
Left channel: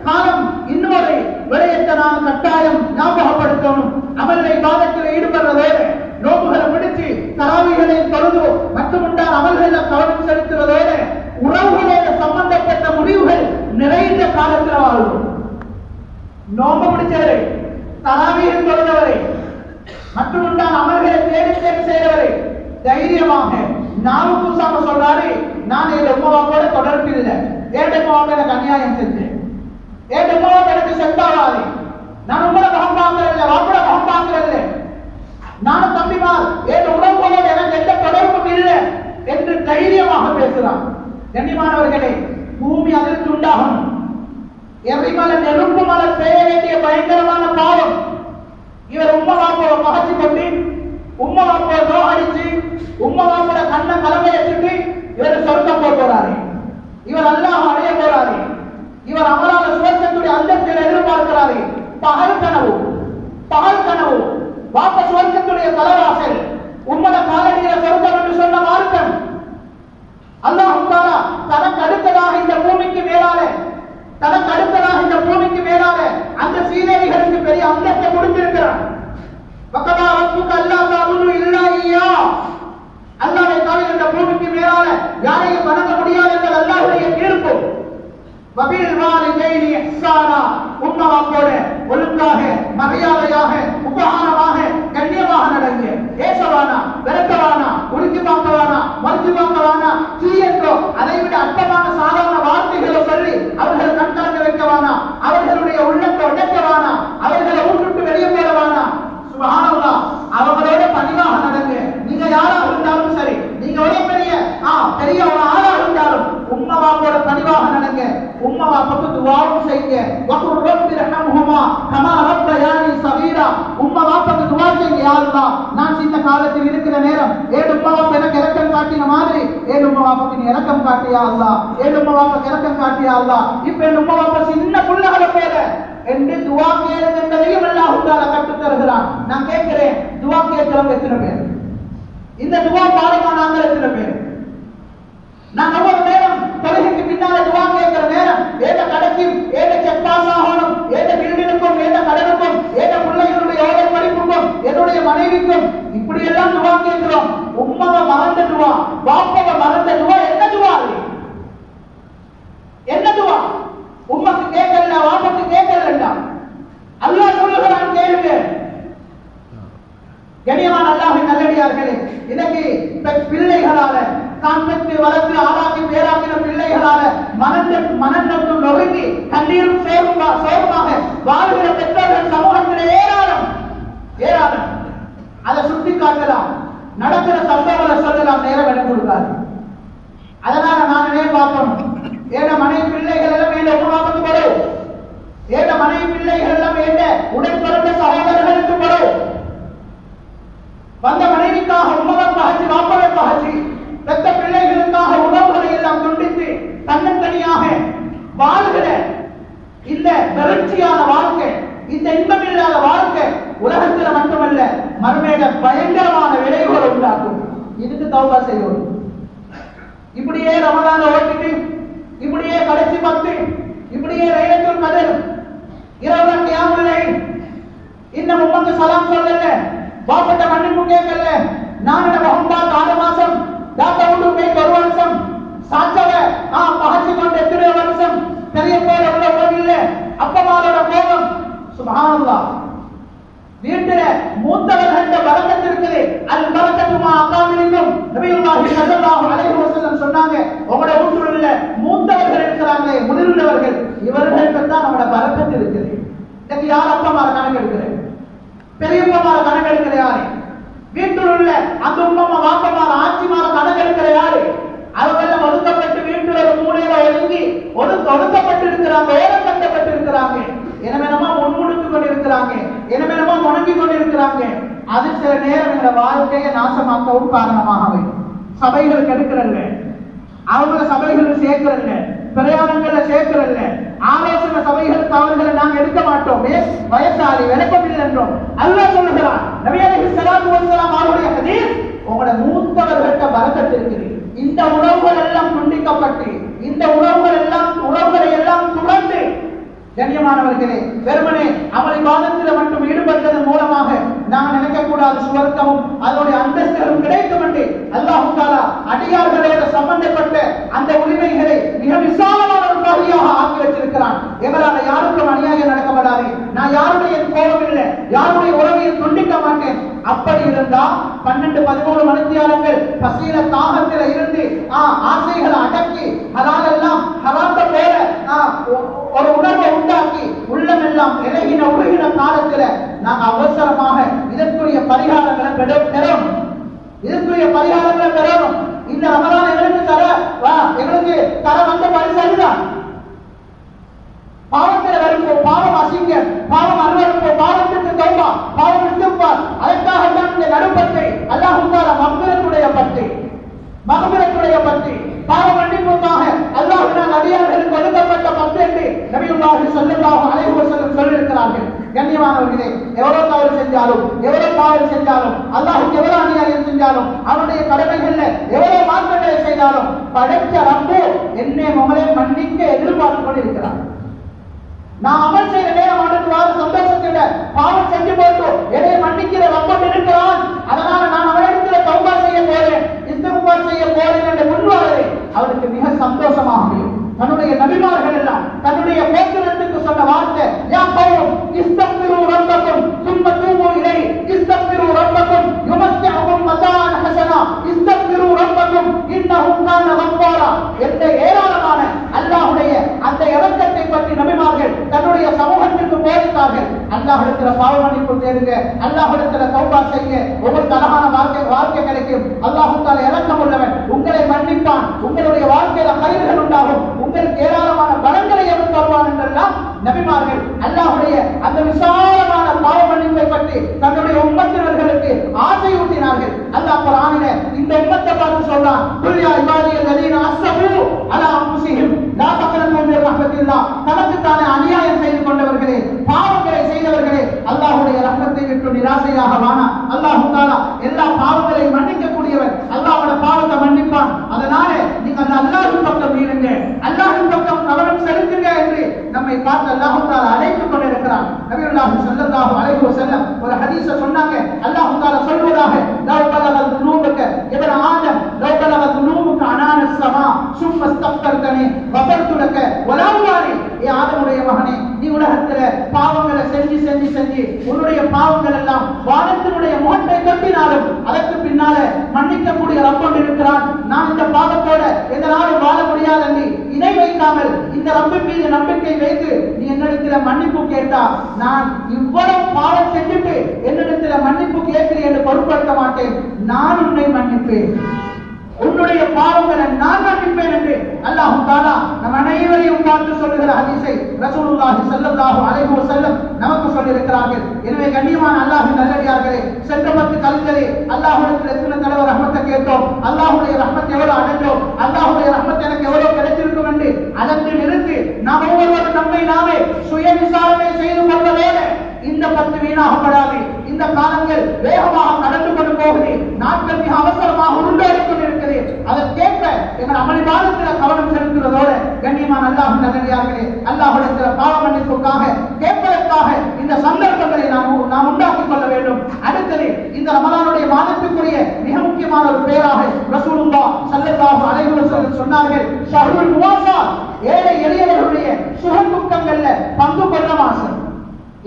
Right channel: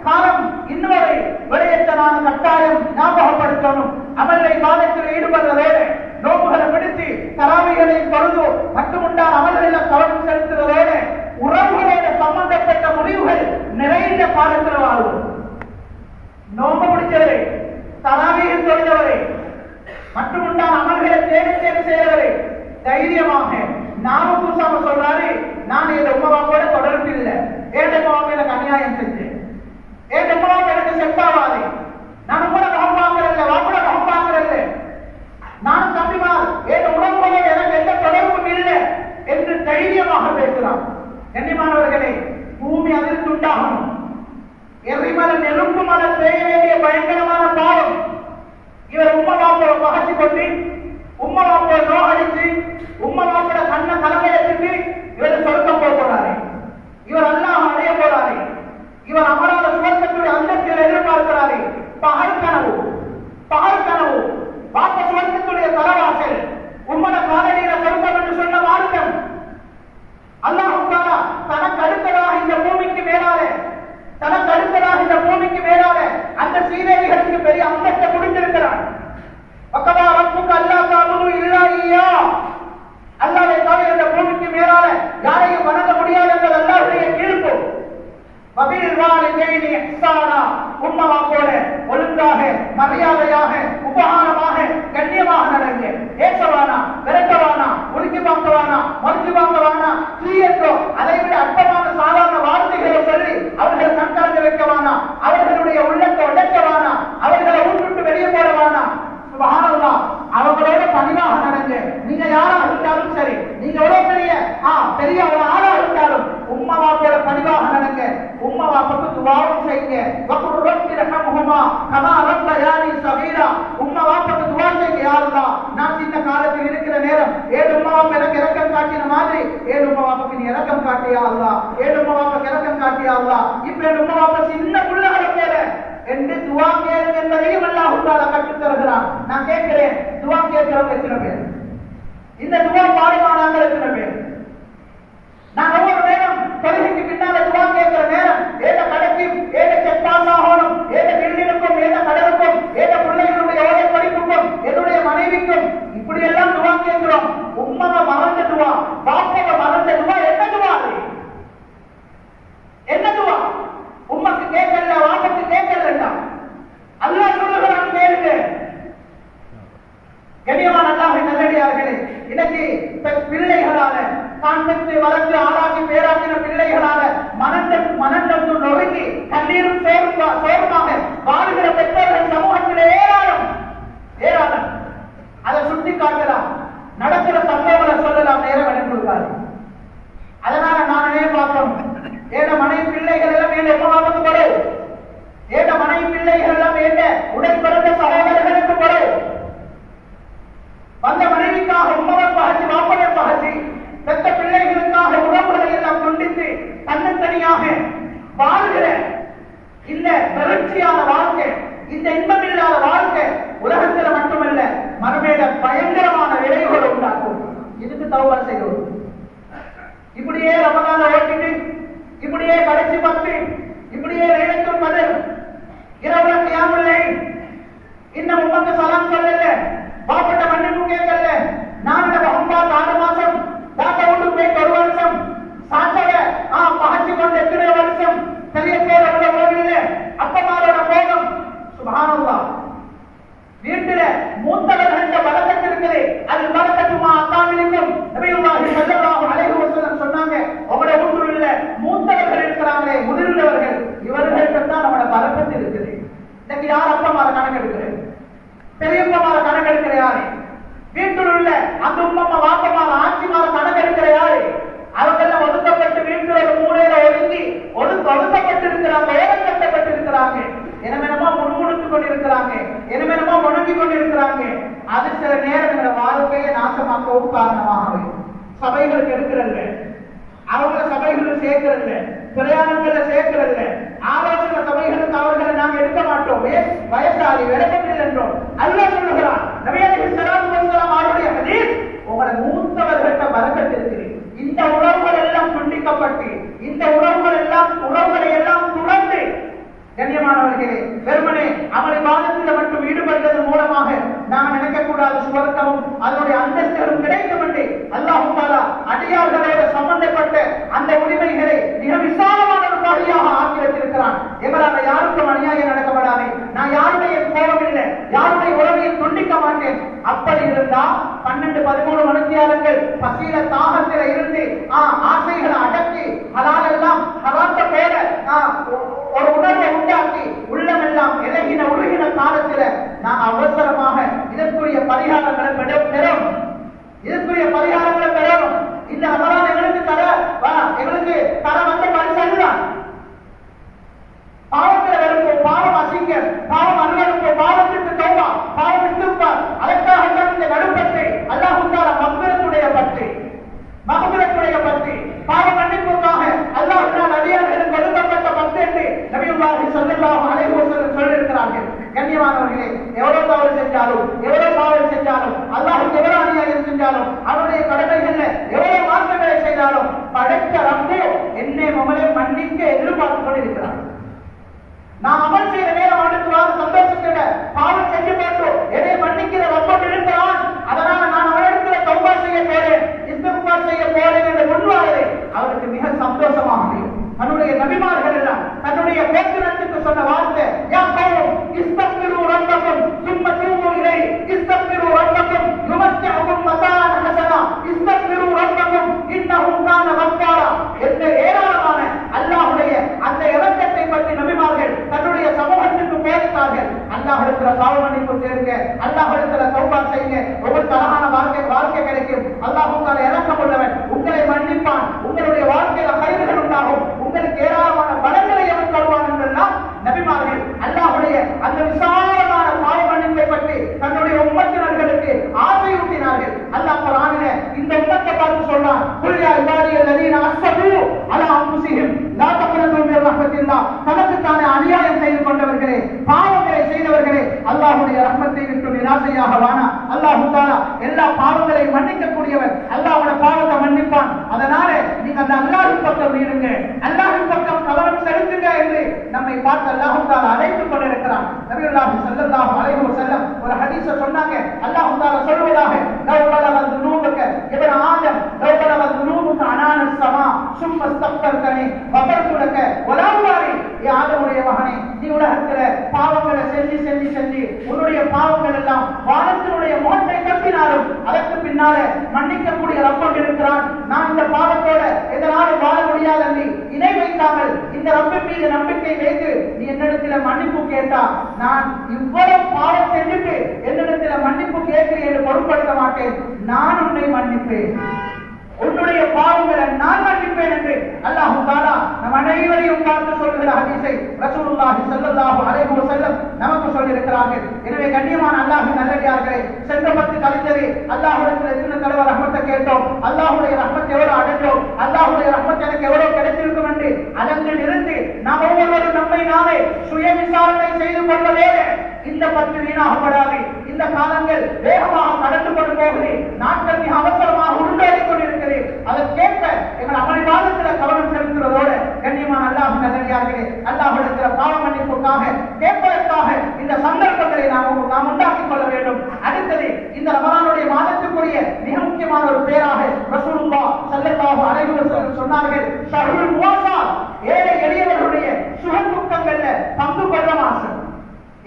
காலம் இன்னொரு விடயத்தை நாம் கட்டாயம் ஞாபகப்படுத்தணும். அமலை பாதத்தில் ஈடுபடுறதோடு, நோம்புகளை பிடிச்சு தராவிகளை தொழுது மட்டுமுண்டான அமல்களில் கவனம் செலுத்துவதோடு, உறவுகளோட சம்பந்தப்பட்ட முடிவுகள் நிறைந்த காலத்தில் வாழ்வோம். நோம்பு பிடிச்சவரை, தராவியில் தொழுந்தவரை, மட்டுமுண்டான அமல்களை தேடி செய்தவரை தைரியமாக நானும் பூசாம சொல்றாரு, நான் என் உமாவோட தொடர்பு இல்லை, ஏன் உமாவுக்கு எனக்கு அநியாயம் செஞ்சேன், ஏன் உமாவுக்கு எனக்கு செட்டாவாது, நான் உங்களை முகம் பார்க்கறதில்லை, வாக்குட முகம் பார்க்கறதில்லை, நானும் தம்பிமார் ஏன் உறவுகளோடு எனக்கு எந்த தொடர்பும் இல்லை என்று தைரியமாக பேசுகிறான். கண்ணியமானவர்களே, பூமி அதிர்ச்சி உண்டாகணும். எரிமலை நெருப்பு மலை செய்ய வேண்டிய பயங்கரமான பாவம். இவர் உம்மா வாப்போட பகச்சு கொண்டு, உம்மா வாப்போட நோகடிச்சு, உம்மா வாப்போட கண்ண கலவையை வச்சுட்டு இவர் சொர்க்கம் போக போறாரு, இவர் அல்லாஹ் அடைய போறாரு, இவர் அமலான சுவர்க்கத்துடைய அந்தத்தில் எதிர்பார்க்கிறாரு. பகல் கனவு வாப்ப சுவர்க்கத்துடைய தலைவாசல், உம்மத காலடியில சொர்க்கம் என்று சொன்ன மார்க்கம். அல்லாஹ் தஆலா தனக்கு அடுத்ததாக இந்த பூமிக்கு மேலாக அந்த சீதேவிகளுக்கு பெரிய அந்தஸ்தை கொடுத்திருக்கிறார். வக்கதா ரப்புக அல்லா தஅபுது இல்லா இய்யா, அல்லாஹ்வை தவிர இந்த பூமிக்கு மேலாக யாரையும் வணங்க முடியாது என்பது அல்லாஹ்வுடைய தீர்ப்பு. வபில் வாலிதைனி இஹ்சானா, உம்மா வாப்போட ஒழுங்காக, மரியாதையாக, உபகாரமாக, கண்ணியமாக நடங்க. ஏசவானா, விரட்டவானா, உருக்கி பார்க்கவானா, மறுத்து பார்க்கவானா, தீயன்றோ அதை விட அற்பமான சாதாரண வார்த்தைகளை சொல்லி அவர்களை கண்காணிக்க வைக்கவானா, அவர்களுடைய உள்ளத்தை உடைக்கவானா, அவர்களை ஊட்டுட்டு வெளியே போடவானா. சுப்ஹானல்லாஹ், அவங்களோட பணிவாக நடங்க. நீங்க யாராக இருந்தாலும் சரி, நீங்க எவ்வளவு பெரிய ஒரு ஆளாக இருந்தாலும் உம்மா வாப்போட பணிவாக நடங்க. உம்மா வாப்புக்கு துஆவும் செய்யுங்க. வகுர் ரப்பி ரஹம்ஹுமா கமா ரப்பயானி ஸகீரா, உம்மா வாப்புக்கு துஆ செய்யுங்க. யா அல்லாஹ், நான் சின்ன காலத்தில் இருக்கிற நேரம் ஏன் உம்மா வாப்பா எனக்கு இரக்கம் காட்டின மாதிரி ஏன் உம்மா வாப்புக்கு நீ இரக்கம் காட்டியா அல்லாஹ், ஏன் உம்மா வாப்புக்கு இரக்கம் காட்டியா அல்லாஹ். இப்ப என் உம்மா வாப்பா சின்ன புள்ளகளை போல என்று துஆ கேளுங்க என்பதையும் அல்லாஹ் தஆலா கற்றுத் தருகிறான். நான் கேட்கிறேன், துஆ கேட்கிறவங்க எத்தனை பேர்? இந்த துஆ பாடமானாங்க எத்தனை பேர்? நான் ஒவ்வொரு நேரம் தொழுகைக்கு பின்னால துஆ கேட்கிற நேரம் ஏத கடைக்கு, ஏத செக் பாஸ் ஆகணும், ஏத பில்டிங்க்கும், ஏத கடனுக்கும், ஏத பிள்ளைகளுடைய ஓலை படிப்புக்கும், என்னுடைய மனைவிக்கும், இப்படி எல்லாம் துஆ கேட்கிறோம். உம்மவ மறந்த துஆ, பாப்பவ மறந்த துஆ, என்ன துஆ? என்ன துஆ? உம்மக்கு கேட்கல, வாப்பக்கு கேட்கலடா. பிள்ளைகளால தான் பெற்று வளர்த்து ஆளாக்கி பேராக்கின பிள்ளைகளால மனநொந்து நொறுங்கி கண்ணீரும் சோர்மாக வாழ்கிற பெற்றோர்கள் சமூகத்திலே ஏராளம். அதை சுட்டி காட்டலாம், நடக்கிற சம்பவங்களை சொல்லலாம், நேரம் இடம் கொடுக்காது. அதனால நானே பார்த்தோம், ஏக மனைவி பிள்ளைகள் எல்லாம் வேண்ட உணவாக்கு படும், ஏக மனைவி பிள்ளைகள் எல்லாம் வேண்ட உடன் பிறந்த சகோதரர்களுக்கு படும். வந்த மனைவிக்காக உணவன் பகச்சி வாப்பவன் பகச்சி பெற்ற பிள்ளைகளுக்காக உணவுகளை எல்லாம் துண்டித்து தன்னந்தனியாக வாழ்கிற இந்த வறட்சியான வாழ்க்கை, இந்த இன்பமில்லாத வாழ்க்கை உலகத்தில் மட்டுமல்ல மறுமையில பயங்கரமான விளைவுகளை உண்டாக்கும். இதுக்கு தௌபா செய்வோம். இப்படியே ரமலான ஓட்டிட்டு, இப்படியே கடைசி 10, இப்படியே லைலத்துல் கத்ர் இரவு கியாமுல் லைல், இன்னும் உம்மத்து சலாம் சொல்லல, பாப்பட்ட மன்னிப்பு கேட்கல, நாம ஹுண்டா 4 மாசம் தாத்த உண்டு ஒரு வருஷம் சாச்சக பகச்சி கொண்டு எத்தனை வருஷம் பெரிய பேர் உள்ள கோவில்ல அப்பமாரோட கோபம். சுப்ஹானல்லாஹ். வீட்டில மூத்தவர்கள் பரக்கத்து இருக்குது. அது பரக்கத்துமா அக்காமிலிக்கும் நபியுல்லாஹி ஸல்லல்லாஹு அலைஹி வஸல்லம் சொன்னாங்க, உங்களோட வீட்டுல மூத்தவர்கள் இருக்கிறாங்க, முதிர்ந்தவர்கள், இவர்களுக்கு தான் நம்மளோட பரக்கத்து இருக்குது. இன்னைக்கு யார் அப்பமார கணக்கு எடுக்கிறேன், பெரியப்பமார கணக்கு எடுக்கிற யாரு, வீட்டில் உள்ள அந்த உம்மம்மா வாப்பமார ஆட்சிமார கணக்கு எடுக்கிற யாரு, அவர்கள் ஒதுக்கப்பட்டு வீட்டில் ஒரு மூலையில ஒதுக்கப்பட்டு இருக்கிறாங்க, ஓரக்கட்டப்பட்டு இருக்கிறாங்க, என்னவெனமா முன்முடுத்து கொண்டிருக்கிறாங்க, என்னவெனமா முடங்கி கொண்டிருக்கிறாங்க. அது சில நேரம் இந்த வாழ்க்கையை நாசமாக்கவும் காரணமாக சபைகள் கெடுக்கிறல்ல, அவங்கள சபைகள் சேர்க்கிறல்ல, பிரயாணங்கள்ல சேர்க்கிறல்ல, ஆலோசனை சபைகளுக்கு அவர்களை நாங்கள் எடுக்க மாட்டோம், வயசாளி விளக்கத்தில் என்றோம். அல்லாஹ் சொல்லுகிறான், நபி ஸல்லல்லாஹு அலைஹி வஸல்லம் அவருடைய ஹதீஸ், உங்களோட மூத்தவர்கிட்ட பரக்கத் இருக்குது. இந்த உணவுகள் எல்லாம் துண்டிக்கப்பட்டு, இந்த உணவுகளை எல்லாம் துறந்து, கண்ணியமானவர்களே, வெறுமனே அமல் இபாதத்தில் மட்டும் ஈடுபட்டதன் மூலமாக நாம் நினைக்கக்கூடாது சுவர்க்கமும் அதனுடைய அந்தஸ்துகளும் கிடைக்கும் என்று அல்லாஹ் தஆலா அடியார்களோடு சம்பந்தப்பட்ட அந்த உரிமைகளை மிக விசாலமான ஒரு பகுதியாக ஆக்கி வச்சிருக்கிறான். எவரான யாருக்கும் அநியாயம் நடக்கப்படாது, நான் யாருடைய கோபம் இல்லை, யாருடைய உறவையும் துண்டிக்க மாட்டேன். அப்படி இருந்தா 12-13 மணித்தியாலங்கள் பசியில தாகத்தில இருந்து ஆசைகளை அடக்கி அதெல்லாம் ஹராத்த போல ஒரு உணர்வை உண்டாக்கி உள்ளமெல்லாம் இலகின உருகின காலத்தில் நாம் அவசரமாக இதற்குரிய பரிகாரங்களை பெறும். இந்த ரமலான் எங்களுக்கு தர வந்த பரிசு பாவத்தில் வரும்போது பாவம் அசிங்க, பாவம் அருவருப்பு, பாவத்திற்கு தௌபா, பாவம் இஸ்திக்பார், அதற்காக இந்த நடுப்பத்தை அல்லாஹ் தஆலா மக்ஃபிரத்துடைய பற்றி பாவ மன்னிப்புக்காக அல்லாஹ்வின் அடியார்களுக்கு ஒதுக்கப்பட்ட பத்து என்று நபியுல்லாஹி ஸல்லல்லாஹு அலைஹி வஸல்லம் சொல்லியிருக்கிறார்கள். கண்ணியமானவர்களே, எவ்வளவு தவறு செஞ்சாலும், எவ்வளவு பாவம் செஞ்சாலும், அல்லாஹ்வுக்கு எவ்வளவு அநியாயம் செஞ்சாலும், அவருடைய கடமைகள்ல எவ்வளவு மாற்றங்களை செய்தாலும் படைத்த ரப்பு என்னை உங்களை மன்னிக்க எதிர்பார்த்து கொண்டிருக்கிறார். நான் அமல் செய்த நேரம் அடுத்துவார சந்தோஷத்திட பாவம் செஞ்சு போட்டு என்னை மன்னிக்கிற ரப்பம் இருக்கிறான், அதனால நான் அவனிடத்துல தௌபா செய்ய போறேன், இஸ்திக்பார் செய்ய போறேன் என்று முன்வாரது அவருக்கு மிக சந்தோஷமாக அமையும். தன்னுடைய நபிமார்கள் எல்லாம் தன்னுடைய கோத்திரத்துக்கு சொன்ன வார்த்தை, யா கௌம் இஸ்தக்பிரு ரப்பக்கும் சும்ம தூபு இலைஹி, இஸ்தக்பிரு ரப்பக்கும் யுமத்திஉகும் மதான் ஹஸனா, இஸ்தக்பிரு ரப்பக்கும் இன்னஹு கான கஃபாரா. என்ற ஏராளமான அல்லாஹ்வுடைய அந்த இரக்கத்தை பற்றி நபிமார்கள் தன்னுடைய சமூகத்துக்கு போதித்தார்கள். அல்லாஹ்விடத்தில் பாவ மன்னிப்பு தேடுங்க, அல்லாஹ்விடத்தில் தௌபா செய்யுங்க, உங்களுக்கு அழகான வாழ்க்கை கிடைக்கும். அல்லாஹ் தஆலா இரக்கமுள்ளவன், உங்களை மன்னிப்பான், உங்களுடைய வாழ்க்கையில கைதுகள் உண்டாகும், உங்களுக்கு ஏராளமான பலன்களை எவன் தருவான் என்றெல்லாம் நபிமார்கள் அல்லாஹ்வுடைய அந்த விசாலமான பாவ மன்னிப்பை பற்றி தன்னுடைய உம்மத்தினர்களுக்கு ஆசையூட்டினார்கள். அல்லாஹ் குர்ஆனிலே இந்த உம்மத்தை பார்த்து சொல்றான், குல் யா இபாதியல்லதீன அஸ்ஸஃபு அலா அன்ஃபுஸிஹிம் லா தக்னது மின் ரஹ்மத்தில்லாஹ். தனக்கு தானே அநியாயம் செய்து கொண்டவர்களே, பாவங்களை செய்தவர்களே, அல்லாஹ்வுடைய ரஹ்மத்தை விட்டு நிராசையாக வானா. அல்லாஹ் தஆலா எல்லா பாவங்களையும் மன்னிக்க கூடியவன், அல்லாஹ்வுடைய பாவத்தை மன்னிப்பான். அதனால நீங்க அந்த அல்லாஹ்வின் பக்கம் மீறுங்க, அல்லாஹ்வின் பக்கம் கவனம் செலுத்துங்க என்று நம்மை பார்த்து அல்லாஹ் தஆலா அழைத்துக் கொண்டிருக்கிறான். நபியுல்லாஹி ஸல்லல்லாஹு அலைஹி வஸல்லம் ஒரு ஹதீஸை சொன்னாங்க. அல்லாஹ் தஆலா சொல்வதாக, லவ் பலகத் துனூபக இப்ன ஆதம் லவ் பலகத் துனூபக அனானஸ் ஸமா சும்ம இஸ்தக்பர்தனி கஃபர்து லக வலா உபாலி. ஏ ஆதமுடைய மகனே, நீ உலகத்திலே பாவங்களை செஞ்சு உன்னுடைய பாவங்கள் எல்லாம் வானத்தினுடைய முகத்தை கட்டினாலும் அதற்கு பின்னாலே மன்னிக்கக்கூடிய ரப்பம் இருக்கிறான். நான் இந்த பாவத்தோட எதனாலும் வாழ முடியாது என்று இணை வைக்காமல் இந்த ரப்பின் மீது நம்பிக்கை வைத்து நீ என்னிடத்தில் மன்னிப்பு கேட்டா, நான் இவ்வளவு பாவம் செஞ்சுட்டு என்னிடத்தில் மன்னிப்பு கேட்கிறேன் என்று பொருட்படுத்த மாட்டேன். நான் உன்னை மன்னிப்பேன், உன்னுடைய பாவங்களை நான் மன்னிப்பேன் என்று அல்லாஹ் தஆலா நம் அனைவரையும் பார்த்து சொல்லுகிற ஹதீஸை ரசூலுல்லாஹி ஸல்லல்லாஹு அலைஹி வஸல்லம் நமக்கு சொல்லியிருக்கிறார்கள். எனவே கண்ணியமான அல்லாஹ்வின் நல்லடியார்களே, சென்ற 10 கழித்தலே அல்லாஹ்விடத்தில் எத்தனை தடவை ரஹ்மத்தை கேட்டோம், அல்லாஹ்வுடைய ரஹ்மத்தை எவ்வளவு அடைந்தோம், அல்லாஹ்வுடைய ரஹ்மத் எனக்கு எவ்வளவு கிடைத்திருக்கும் என்று அதற்கில் இருந்து நாம் ஒவ்வொருவரும் நம்மை நாமே சுய விசாரணை செய்து கொள்ளவேன். இந்த 10 வீணாகப்படாது. இந்த காலங்கள் வேகமாக கடந்து கொண்டு போகுது. நாட்கள் மிக அவசரமாக உருண்டோடிக் கொண்டிருக்கிறது. அதற்கேற்ப எங்கள் அமளிவாதத்தில் கவனம் செலுத்துவதோடு கண்ணியமான அல்லாஹ்வின் நல்லடியார்களே, அல்லாஹ்விடத்தில் பாவ மன்னிப்புக்காக கேட்பதற்காக இந்த சந்தர்ப்பங்களை நாம் உண்டாக்கிக் கொள்ள வேண்டும். அடுத்தது இந்த ரமலானுடைய மாதத்துக்குரிய மிக முக்கியமான ஒரு பேராக ரசூலுல்லாஹ் ஸல்லல்லாஹு அலைஹி வஸல்லம் சொன்னார்கள், ஷஹ்ருல் முவாஸாத், ஏழை எளியவர்களுடைய சுக துக்கங்கள்ல பங்கு கொள்ள மாசம்.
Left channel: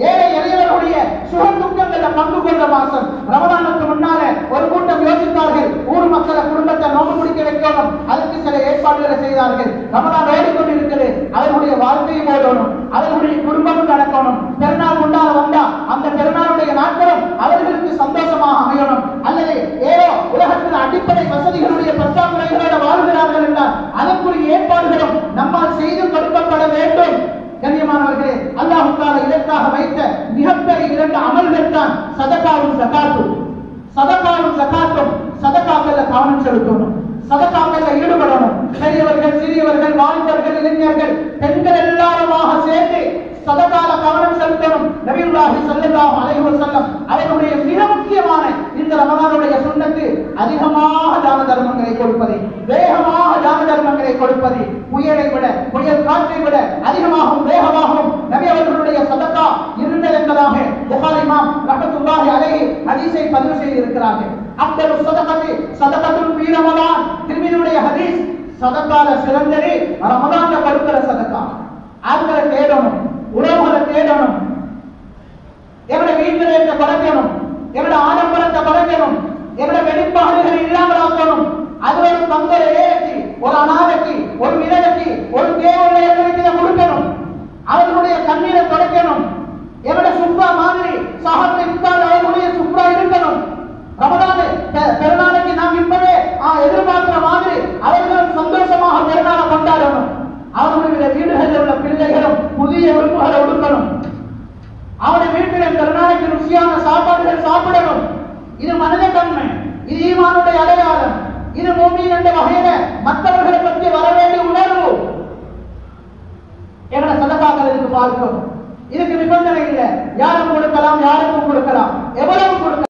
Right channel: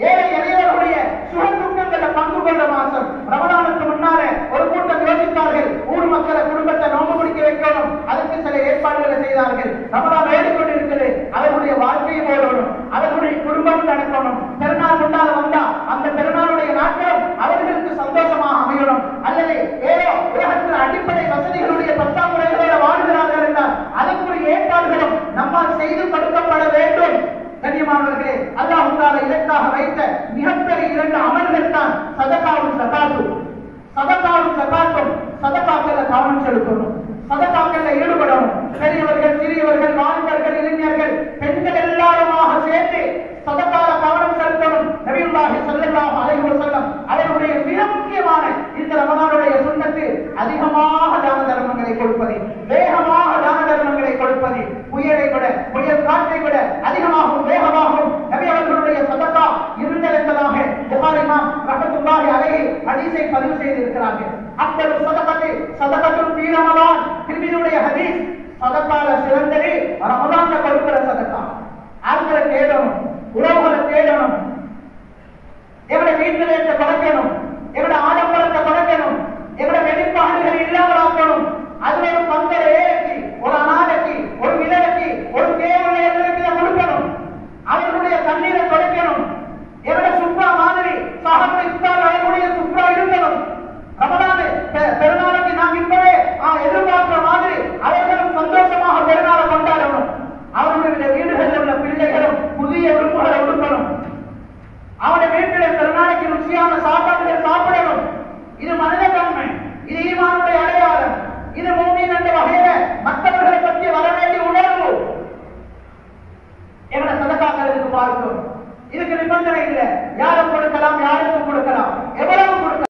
ஏழை எளியவர்களுடைய சுக துக்கங்கள்ல பங்கு கொண்ட மாசம். ரமலானுக்கு முன்னால ஒரு கூட்டம் யோசித்தார்கள், ஊர் மக்களை குடும்பத்தை நோன்பு பிடிக்க வைக்கணும், அதுக்கு சில ஏற்பாடுகளை செய்தார்கள். ரமலான் ஓடிக்கொண்டிருக்கிறது, அவர்களுடைய வாழ்க்கையும் ஓடணும், அவர்களுடைய குடும்பம் நடக்கணும். பெருநாள் கொண்டாட வந்தா அந்த பெருநாளுடைய நாட்களும் அவர்களுக்கு சந்தோஷமாக அமையணும். அல்லது ஏதோ உலகத்தில் அடிப்படை வசதிகளுடைய பற்றாக்குறைகளோட வாழ்கிறார்கள் என்றால் அதற்குரிய ஏற்பாடுகளும் நம்மால் செய்து கொடுக்கப்பட வேண்டும். கண்ணியமானவர்களே, அல்லாஹ் தஆலா இதற்காக வைத்த மிகப்பெரிய 2 அமல்கள் தான் சதகாவும் ஜகாத்தும். சதகாவும் ஜகாத்தும், சதகாக்கள்ல கவனம் செலுத்தணும், சதகாக்கள்ல ஈடுபடணும். பெரியவர்கள், சிறியவர்கள், வாலிபர்கள், இளைஞர்கள், பெண்கள் எல்லாருமாக சேர்ந்து சதகால கவனம் செலுத்தணும். நபியுல்லாஹி ஸல்லல்லாஹு அலைஹி வஸல்லம் அவருடைய மிக முக்கியமான இந்த ரமலானுடைய சுன்னத்து அதிகமாக தான தர்மங்களை கொடுப்பது, வேகமாக தான தர்மங்களை கொடுப்பது. புயலை விட, புயல் காற்றை விட அதிகமாகவும் வேகமாகவும் நபி அவர்களுடைய சதகா இருந்தது என்பதாக புகாரி இமாம் ரஹ்மத்துல்லாஹி அலைஹி ஹதீஸை பதிவு செய்திருக்கிறார்கள். அப்தலு சதகத்தி சதகத்துன் ஃபீ ரமலான், திர்மிதியுடைய ஹதீஸ். சதகால சிறந்தது ரமலான்ல கொடுக்கிற சதகா. ஆட்களை தேடணும், உறவுகளை தேடணும், எவட வீட்டில் இருக்க பழக்கணும், எவட ஆடம்பரத்தை பழக்கணும், எவட வெளிப்பாடுகள் இல்லாமல் ஆக்கணும். அது ஒரு பங்கை ஏற்றி, ஒரு அநாதைக்கு, ஒரு விதவைக்கு, ஒரு தேவையை கொடுக்கணும், அவர்களுடைய கண்ணீரை தொடக்கணும். எவட சுப்ரா மாதிரி சஹாபத்தை இஃப்தார் அவர்களுடைய சுப்ரா இருக்கணும். ரமலான் பெருநாளைக்கு நாம் இப்பவே எதிர்பார்க்கிற மாதிரி அவர்களும் சந்தோஷமாக பெருநாளை கொண்டாடணும். அவர்களுடைய வீடுகளில் உள்ள பிள்ளைகளும் புதிய உறுப்புகளை உடுக்கணும். அவருடைய வீட்டில் பெருநாளைக்கு ருசியான சாப்பாடுகள் சாப்பிடணும். இது மனித தன்மை, இது ஈமானுடைய அடையாளம், இது மூமின் என்ற வகையில மற்றவர்களை பற்றி வர வேண்டிய உணர்வு. எங்களை சதகாக்கள் இதுக்கு பார்க்கணும். இதுக்கு நிபந்தனை இல்லை, யாரும் கொடுக்கலாம், யாருக்கும் கொடுக்கலாம்.